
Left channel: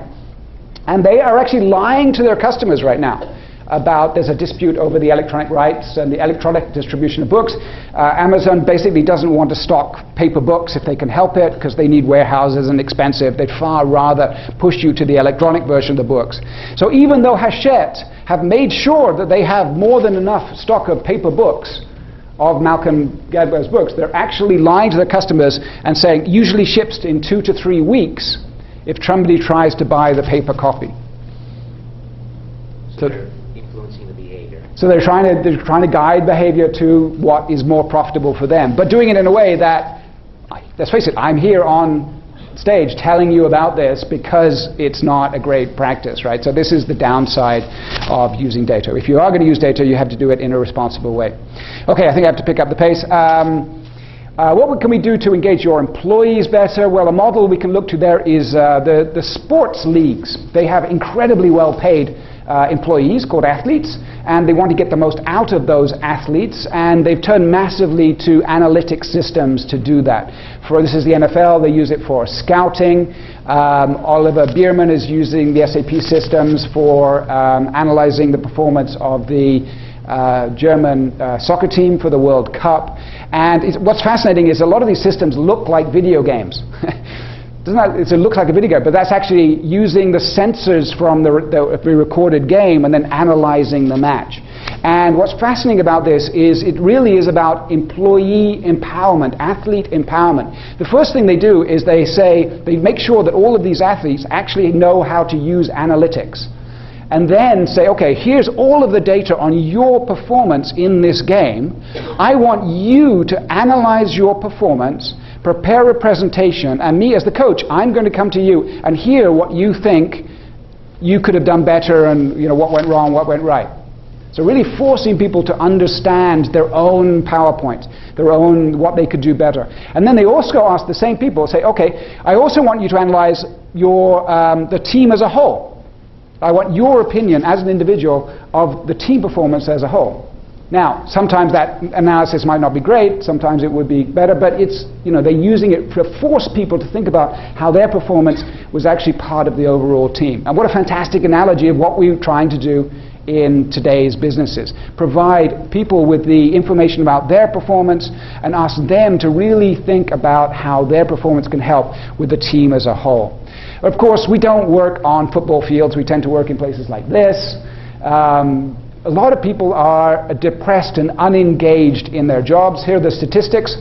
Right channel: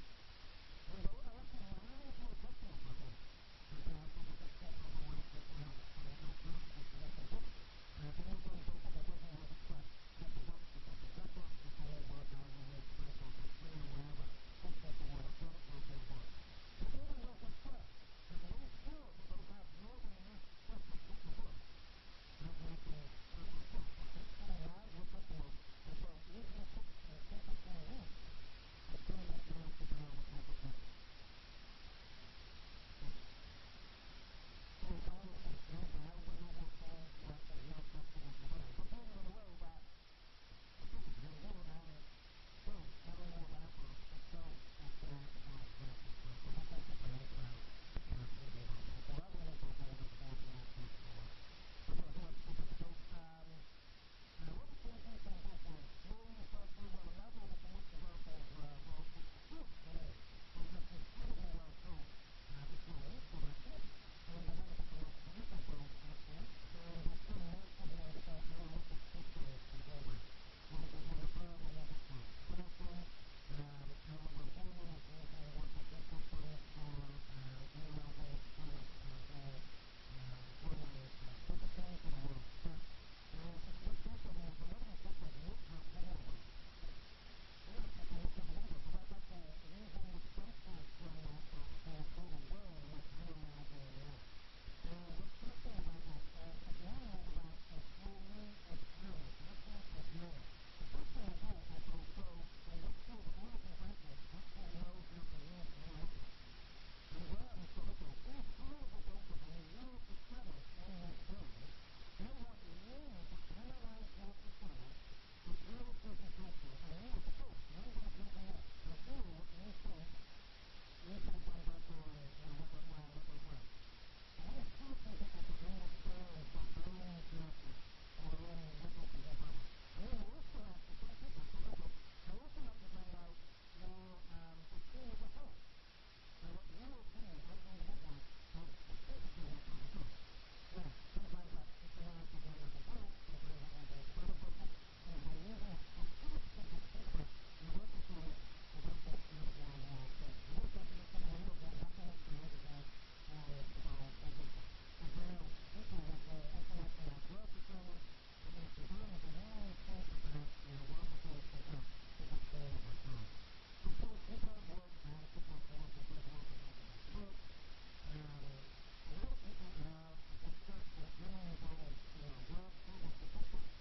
and they are actually lying to their customers right now about there's a dispute over the electronic rights and the electronic distribution of books. Amazon basically doesn't want to stock paper books if they can help it because they need warehouses and expensive. They'd far rather push you to the electronic version of the books. So even though Hachette have made sure that they have more than enough stock of paper books of Malcolm Gladwell's books, they're actually lying to their customers and saying usually ships in 2 to 3 weeks if somebody tries to buy the paper copy. So influencing the behavior. So they're trying to guide behavior to what is more profitable for them, but doing it in a way that, let's face it, I'm here on stage telling you about this because it's not a great practice, right? So this is the downside of using data. If you are going to use data, you have to do it in a responsible way. Okay, I think I have to pick up the pace. What can we do to engage your employees better? Well, a model we can look to there is the sports leagues. They have incredibly well-paid employees called athletes, and they want to get the most out of those athletes, and they've turned massively to analytic systems to do that. This is the NFL. They use it for scouting. Oliver Bierman is using the SAP systems for analyzing the performance of the German soccer team for the World Cup. And what's fascinating is a lot of these systems look like video games. It looks like a video game, but that's actually using the sensors from the recorded game and then analyzing the match. And what's fascinating about this is it really is about employee empowerment, athlete empowerment. The first thing they do is they make sure that all of these athletes actually know how to use analytics. And then say, okay, here's all of the data on your performance in this game. I want you to analyze your performance, prepare a presentation, and me as the coach, I'm going to come to you and hear what you think you could have done better and what went wrong, what went right. So really forcing people to understand their own PowerPoint, what they could do better. And then they also ask the same people, say, okay, I also want you to analyze the team as a whole. I want your opinion as an individual of the team performance as a whole. Now, sometimes that analysis might not be great, sometimes it would be better, but they're using it to force people to think about how their performance was actually part of the overall team. And what a fantastic analogy of what we're trying to do in today's businesses. Provide people with the information about their performance and ask them to really think about how their performance can help with the team as a whole. Of course, we don't work on football fields. We tend to work in places like this. A lot of people are depressed and unengaged in their jobs. Here are the statistics.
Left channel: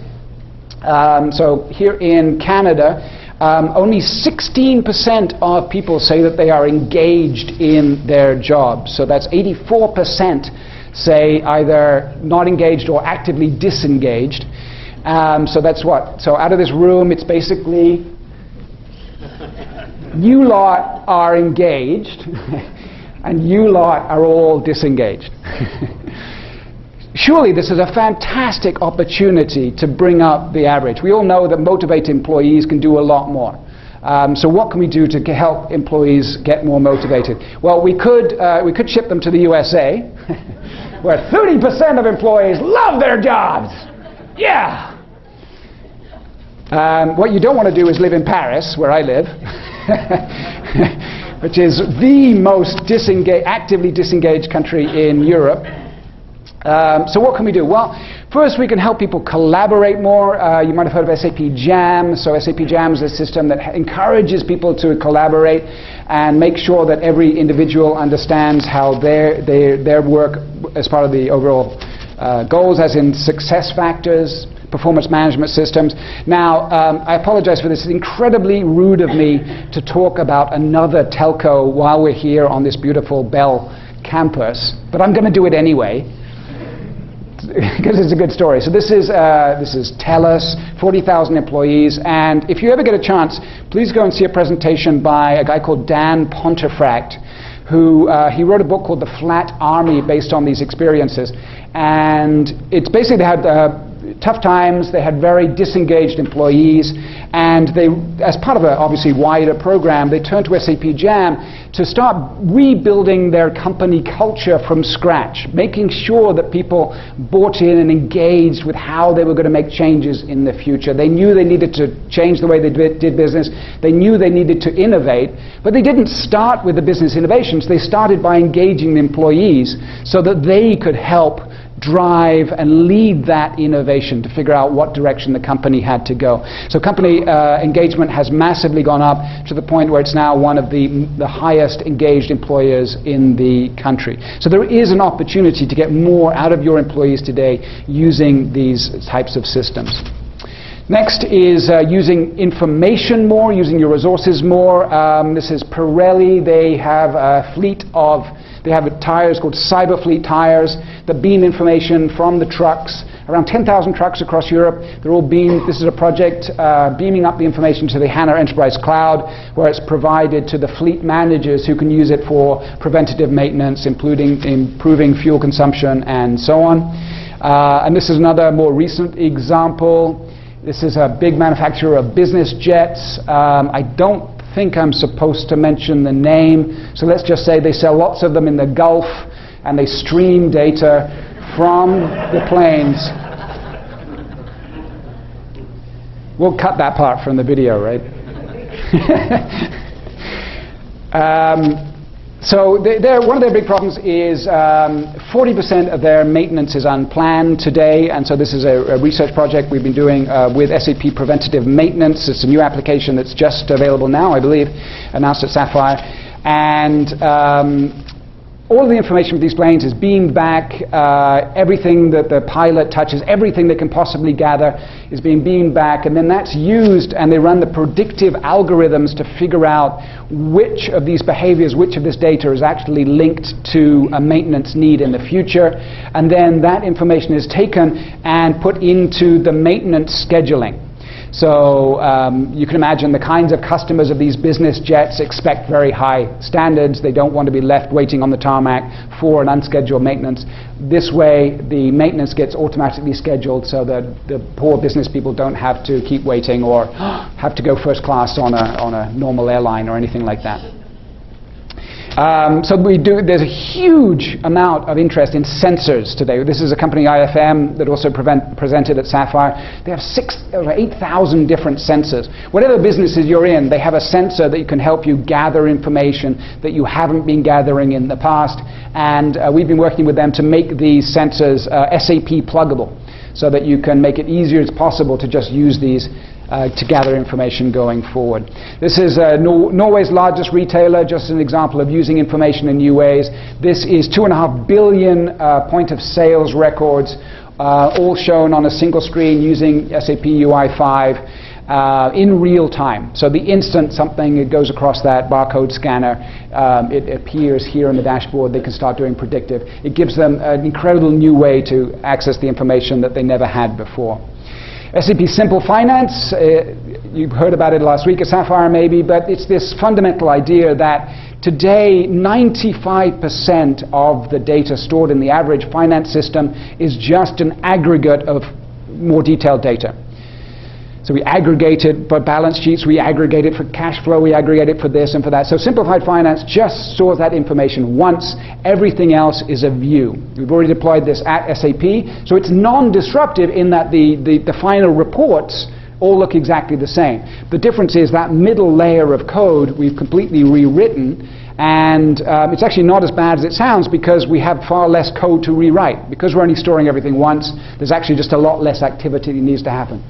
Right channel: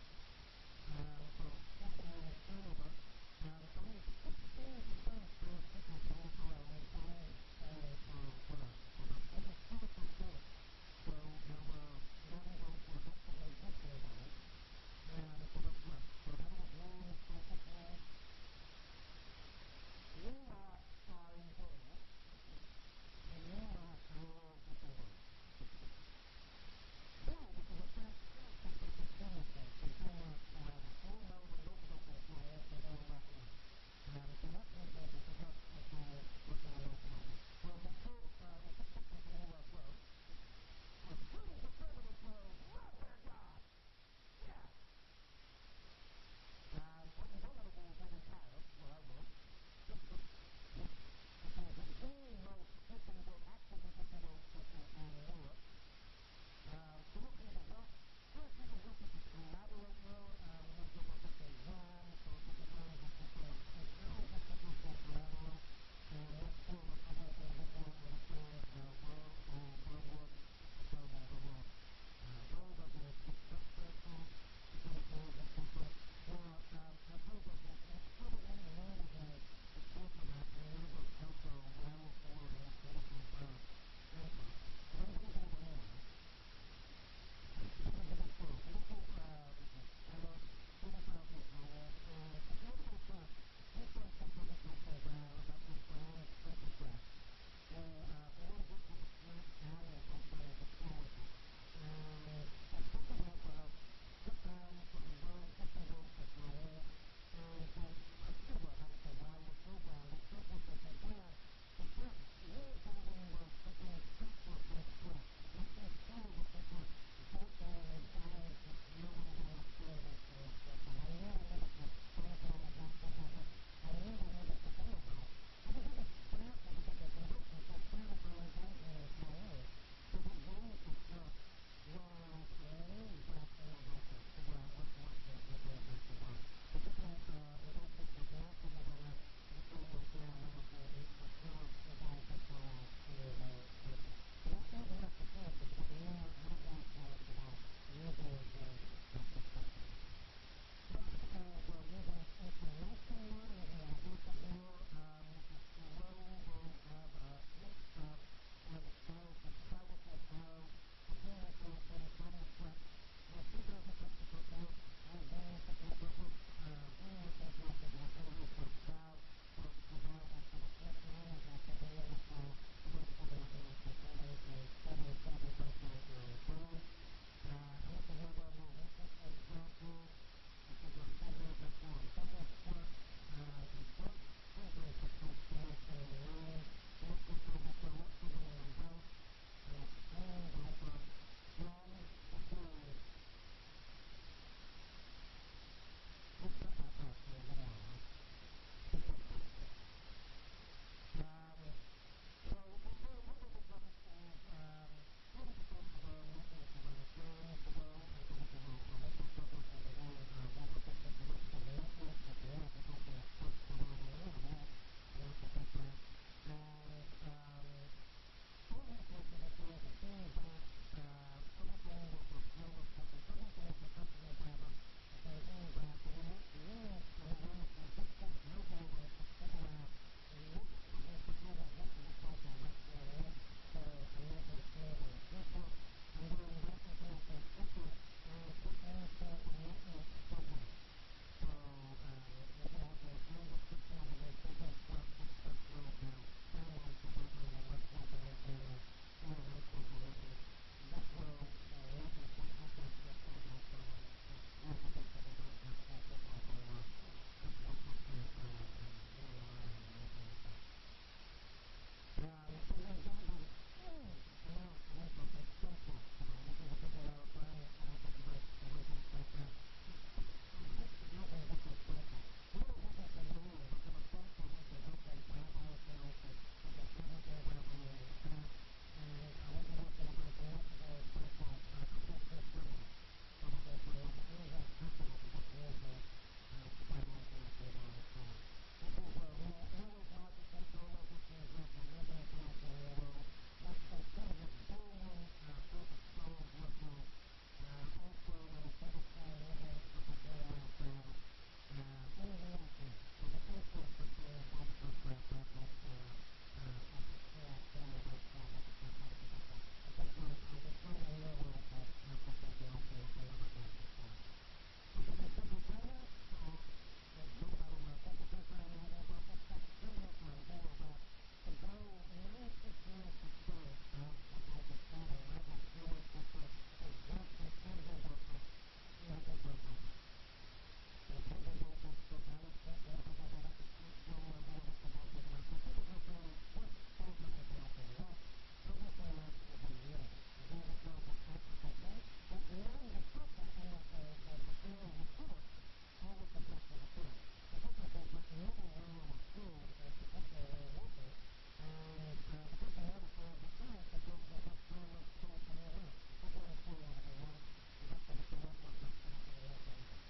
So here in Canada, only 16% of people say that they are engaged in their jobs. So that's 84% say either not engaged or actively disengaged. So that's what? So out of this room, it's basically you lot are engaged and you lot are all disengaged. Surely this is a fantastic opportunity to bring up the average. We all know that motivated employees can do a lot more. So what can we do to help employees get more motivated? Well, we could ship them to the USA, where 30% of employees love their jobs. Yeah! What you don't want to do is live in Paris, where I live, which is the most actively disengaged country in Europe. So what can we do? Well, First, we can help people collaborate more. You might have heard of SAP Jam. So SAP Jam is a system that encourages people to collaborate and make sure that every individual understands how their work as part of the overall goals, as in success factors, performance management systems. Now, I apologize for this. It's incredibly rude of me to talk about another telco while we're here on this beautiful Bell campus, but I'm going to do it anyway, because it's a good story. So this is TELUS, 40,000 employees, and if you ever get a chance, please go and see a presentation by a guy called Dan Pontefract, who he wrote a book called The Flat Army based on these experiences. And it's basically they had tough times, they had very disengaged employees, and they, as part of a obviously wider program, they turned to SAP Jam to start rebuilding their company culture from scratch, making sure that people bought in and engaged with how they were going to make changes in the future. They knew they needed to change the way they did business. They knew they needed to innovate, but they didn't start with the business innovations. They started by engaging the employees so that they could help drive and lead that innovation to figure out what direction the company had to go. So company engagement has massively gone up to the point where it's now one of the highest engaged employers in the country. So there is an opportunity to get more out of your employees today using these types of systems. Next is using information more, using your resources more. This is Pirelli. They have a fleet of tires called Cyber Fleet tires that beam information from the trucks. Around 10,000 trucks across Europe. They're all beamed. This is a project beaming up the information to the HANA Enterprise Cloud, where it's provided to the fleet managers who can use it for preventative maintenance, including improving fuel consumption and so on. And this is another more recent example. This is a big manufacturer of business jets. I don't think I'm supposed to mention the name, so let's just say they sell lots of them in the Gulf, and they stream data from the planes. We'll cut that part from the video, right? So one of their big problems is 40% of their maintenance is unplanned today, and so this is a research project we've been doing with SAP Preventative Maintenance. It's a new application that's just available now, I believe, announced at Sapphire. And all of the information from these planes is beamed back. Everything that the pilot touches, everything they can possibly gather is being beamed back, and then that's used, and they run the predictive algorithms to figure out which of these behaviors, which of this data is actually linked to a maintenance need in the future. And then that information is taken and put into the maintenance scheduling. So you can imagine the kinds of customers of these business jets expect very high standards. They don't want to be left waiting on the tarmac for an unscheduled maintenance. This way, the maintenance gets automatically scheduled so that the poor business people don't have to keep waiting or have to go first class on a normal airline or anything like that. So there's a huge amount of interest in sensors today. This is a company, IFM, that also presented at Sapphire. They have 8,000 different sensors. Whatever businesses you're in, they have a sensor that can help you gather information that you haven't been gathering in the past. And we've been working with them to make these sensors SAP pluggable, so that you can make it easier as possible to just use these to gather information going forward. This is Norway's largest retailer, just an example of using information in new ways. This is 2.5 billion point of sales records, all shown on a single screen using SAP UI5 in real time. So the instant something goes across that barcode scanner, it appears here on the dashboard. They can start doing predictive. It gives them an incredible new way to access the information that they never had before. SAP Simple Finance, you heard about it last week at Sapphire maybe, but it's this fundamental idea that today 95% of the data stored in the average finance system is just an aggregate of more detailed data. So we aggregate it for balance sheets, we aggregate it for cash flow, we aggregate it for this and for that. So Simplified Finance just stores that information once. Everything else is a view. We've already deployed this at SAP, so it's non-disruptive in that the final reports all look exactly the same. The difference is that middle layer of code we've completely rewritten, And it's actually not as bad as it sounds because we have far less code to rewrite. Because we're only storing everything once, there's actually just a lot less activity that needs to happen.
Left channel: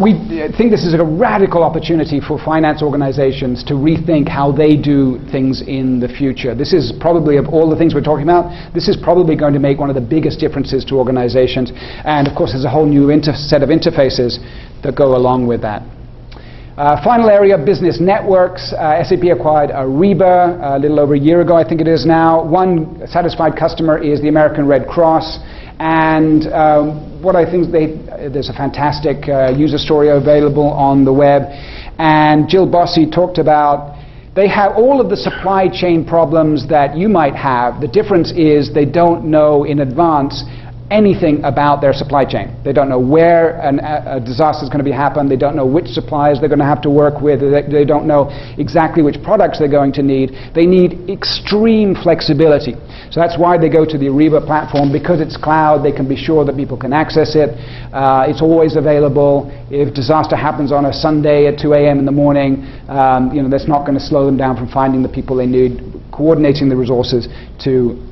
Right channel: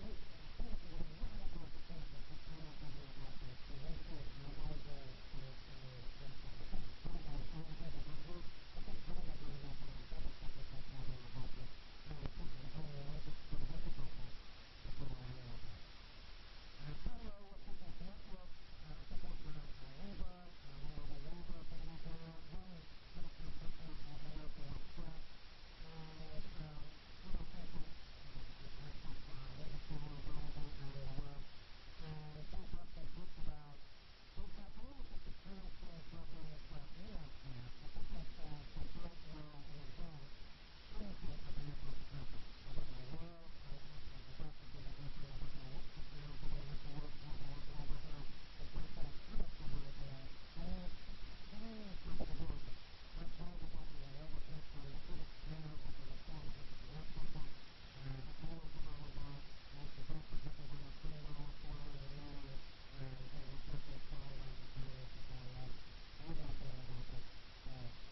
We think this is a radical opportunity for finance organizations to rethink how they do things in the future. This is probably, of all the things we're talking about, this is probably going to make one of the biggest differences to organizations. And of course, there's a whole new set of interfaces that go along with that. Final area, business networks. SAP acquired Ariba a little over a year ago, I think it is now. One satisfied customer is the American Red Cross. And what I think, there's a fantastic user story available on the web. And Jill Bossy talked about, they have all of the supply chain problems that you might have. The difference is they don't know in advance anything about their supply chain. They don't know where a disaster is going to happen. They don't know which suppliers they're going to have to work with. They don't know exactly which products they're going to need. They need extreme flexibility. So that's why they go to the Ariba platform. Because it's cloud, they can be sure that people can access it. It's always available. If disaster happens on a Sunday at 2 a.m. in the morning, that's not going to slow them down from finding the people they need, coordinating the resources to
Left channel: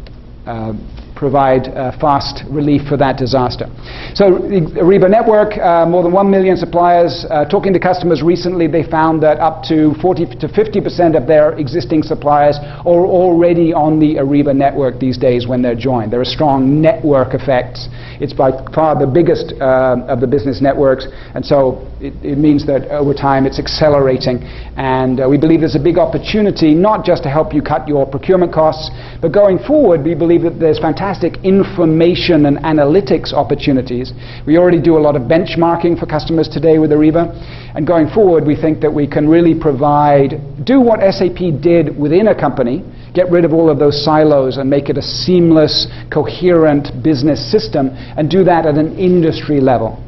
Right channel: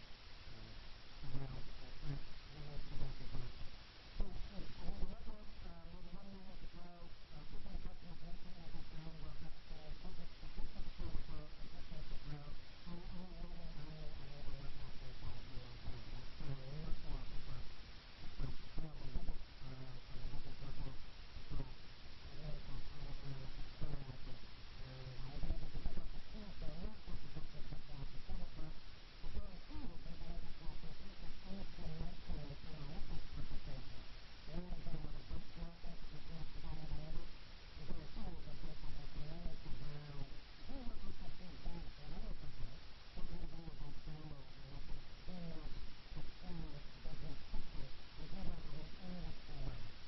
provide fast relief for that disaster. So the Ariba network, more than 1 million suppliers. Talking to customers recently, they found that up to 40 to 50% of their existing suppliers are already on the Ariba network these days when they're joined. There are strong network effects. It's by far the biggest of the business networks, and so it means that over time it's accelerating. And we believe there's a big opportunity, not just to help you cut your procurement costs, but going forward, we believe that there's fantastic information and analytics opportunities. We already do a lot of benchmarking for customers today with Ariba. And going forward, we think that we can really do what SAP did within a company, get rid of all of those silos and make it a seamless, coherent business system, and do that at an industry level.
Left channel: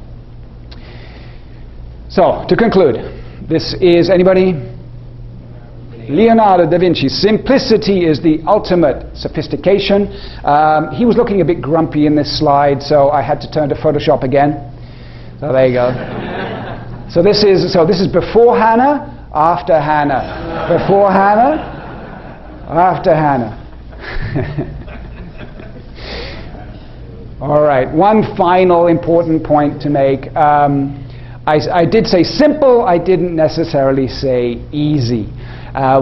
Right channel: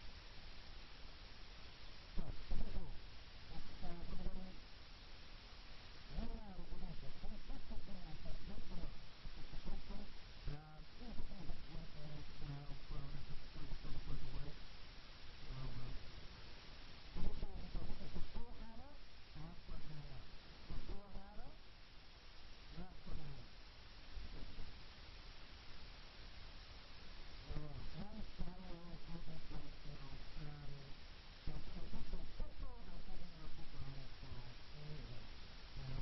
So, to conclude, this is anybody? Leonardo da Vinci. Simplicity is the ultimate sophistication. He was looking a bit grumpy in this slide, so I had to turn to Photoshop again. So there you go. So this is before HANA, after HANA. Before HANA, after HANA. All right, one final important point to make. I did say simple, I didn't necessarily say easy. I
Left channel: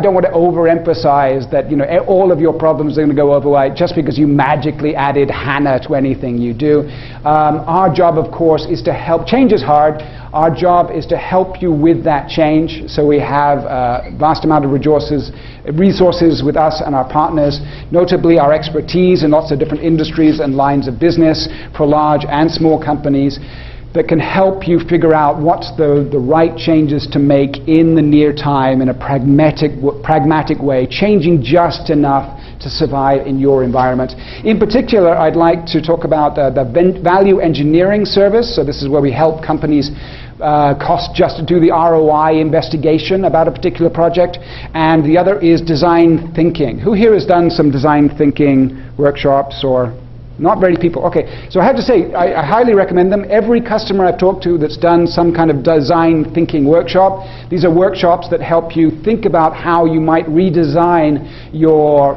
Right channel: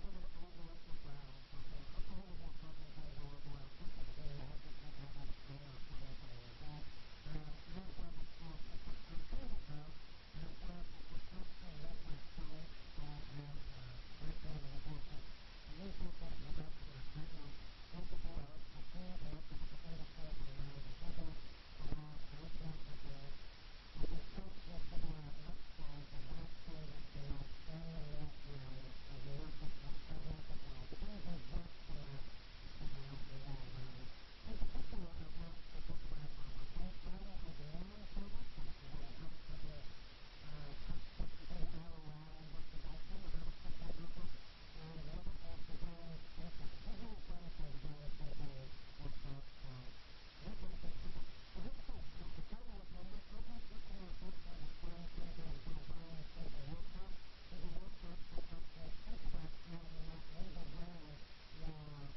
don't want to overemphasize that all of your problems are going to go away just because you magically added HANA to anything you do. Our job, of course, is to help. Change is hard. Our job is to help you with that change. So we have a vast amount of resources with us and our partners, notably our expertise in lots of different industries and lines of business for large and small companies, that can help you figure out what's the right changes to make in the near time in a pragmatic way, changing just enough to survive in your environment. In particular, I'd like to talk about the value engineering service. So this is where we help companies just to do the ROI investigation about a particular project. And the other is design thinking. Who here has done some design thinking workshops or? Not very people. Okay, so I have to say, I highly recommend them. Every customer I've talked to that's done some kind of design thinking workshop, these are workshops that help you think about how you might redesign your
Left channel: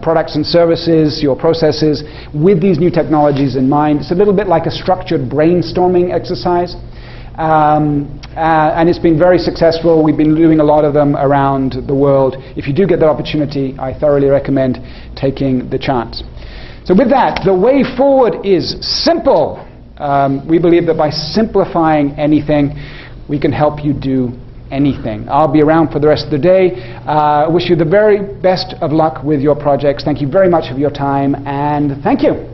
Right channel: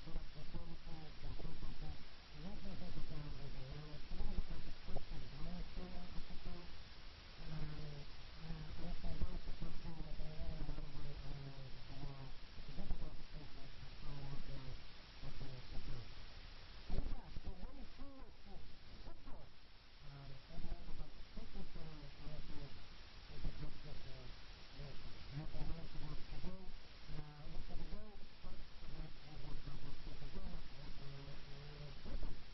products and services, your processes, with these new technologies in mind. It's a little bit like a structured brainstorming exercise. And it's been very successful. We've been doing a lot of them around the world. If you do get that opportunity, I thoroughly recommend taking the chance. So with that, the way forward is simple. We believe that by simplifying anything, we can help you do anything. I'll be around for the rest of the day. I wish you the very best of luck with your projects. Thank you very much for your time, and thank you.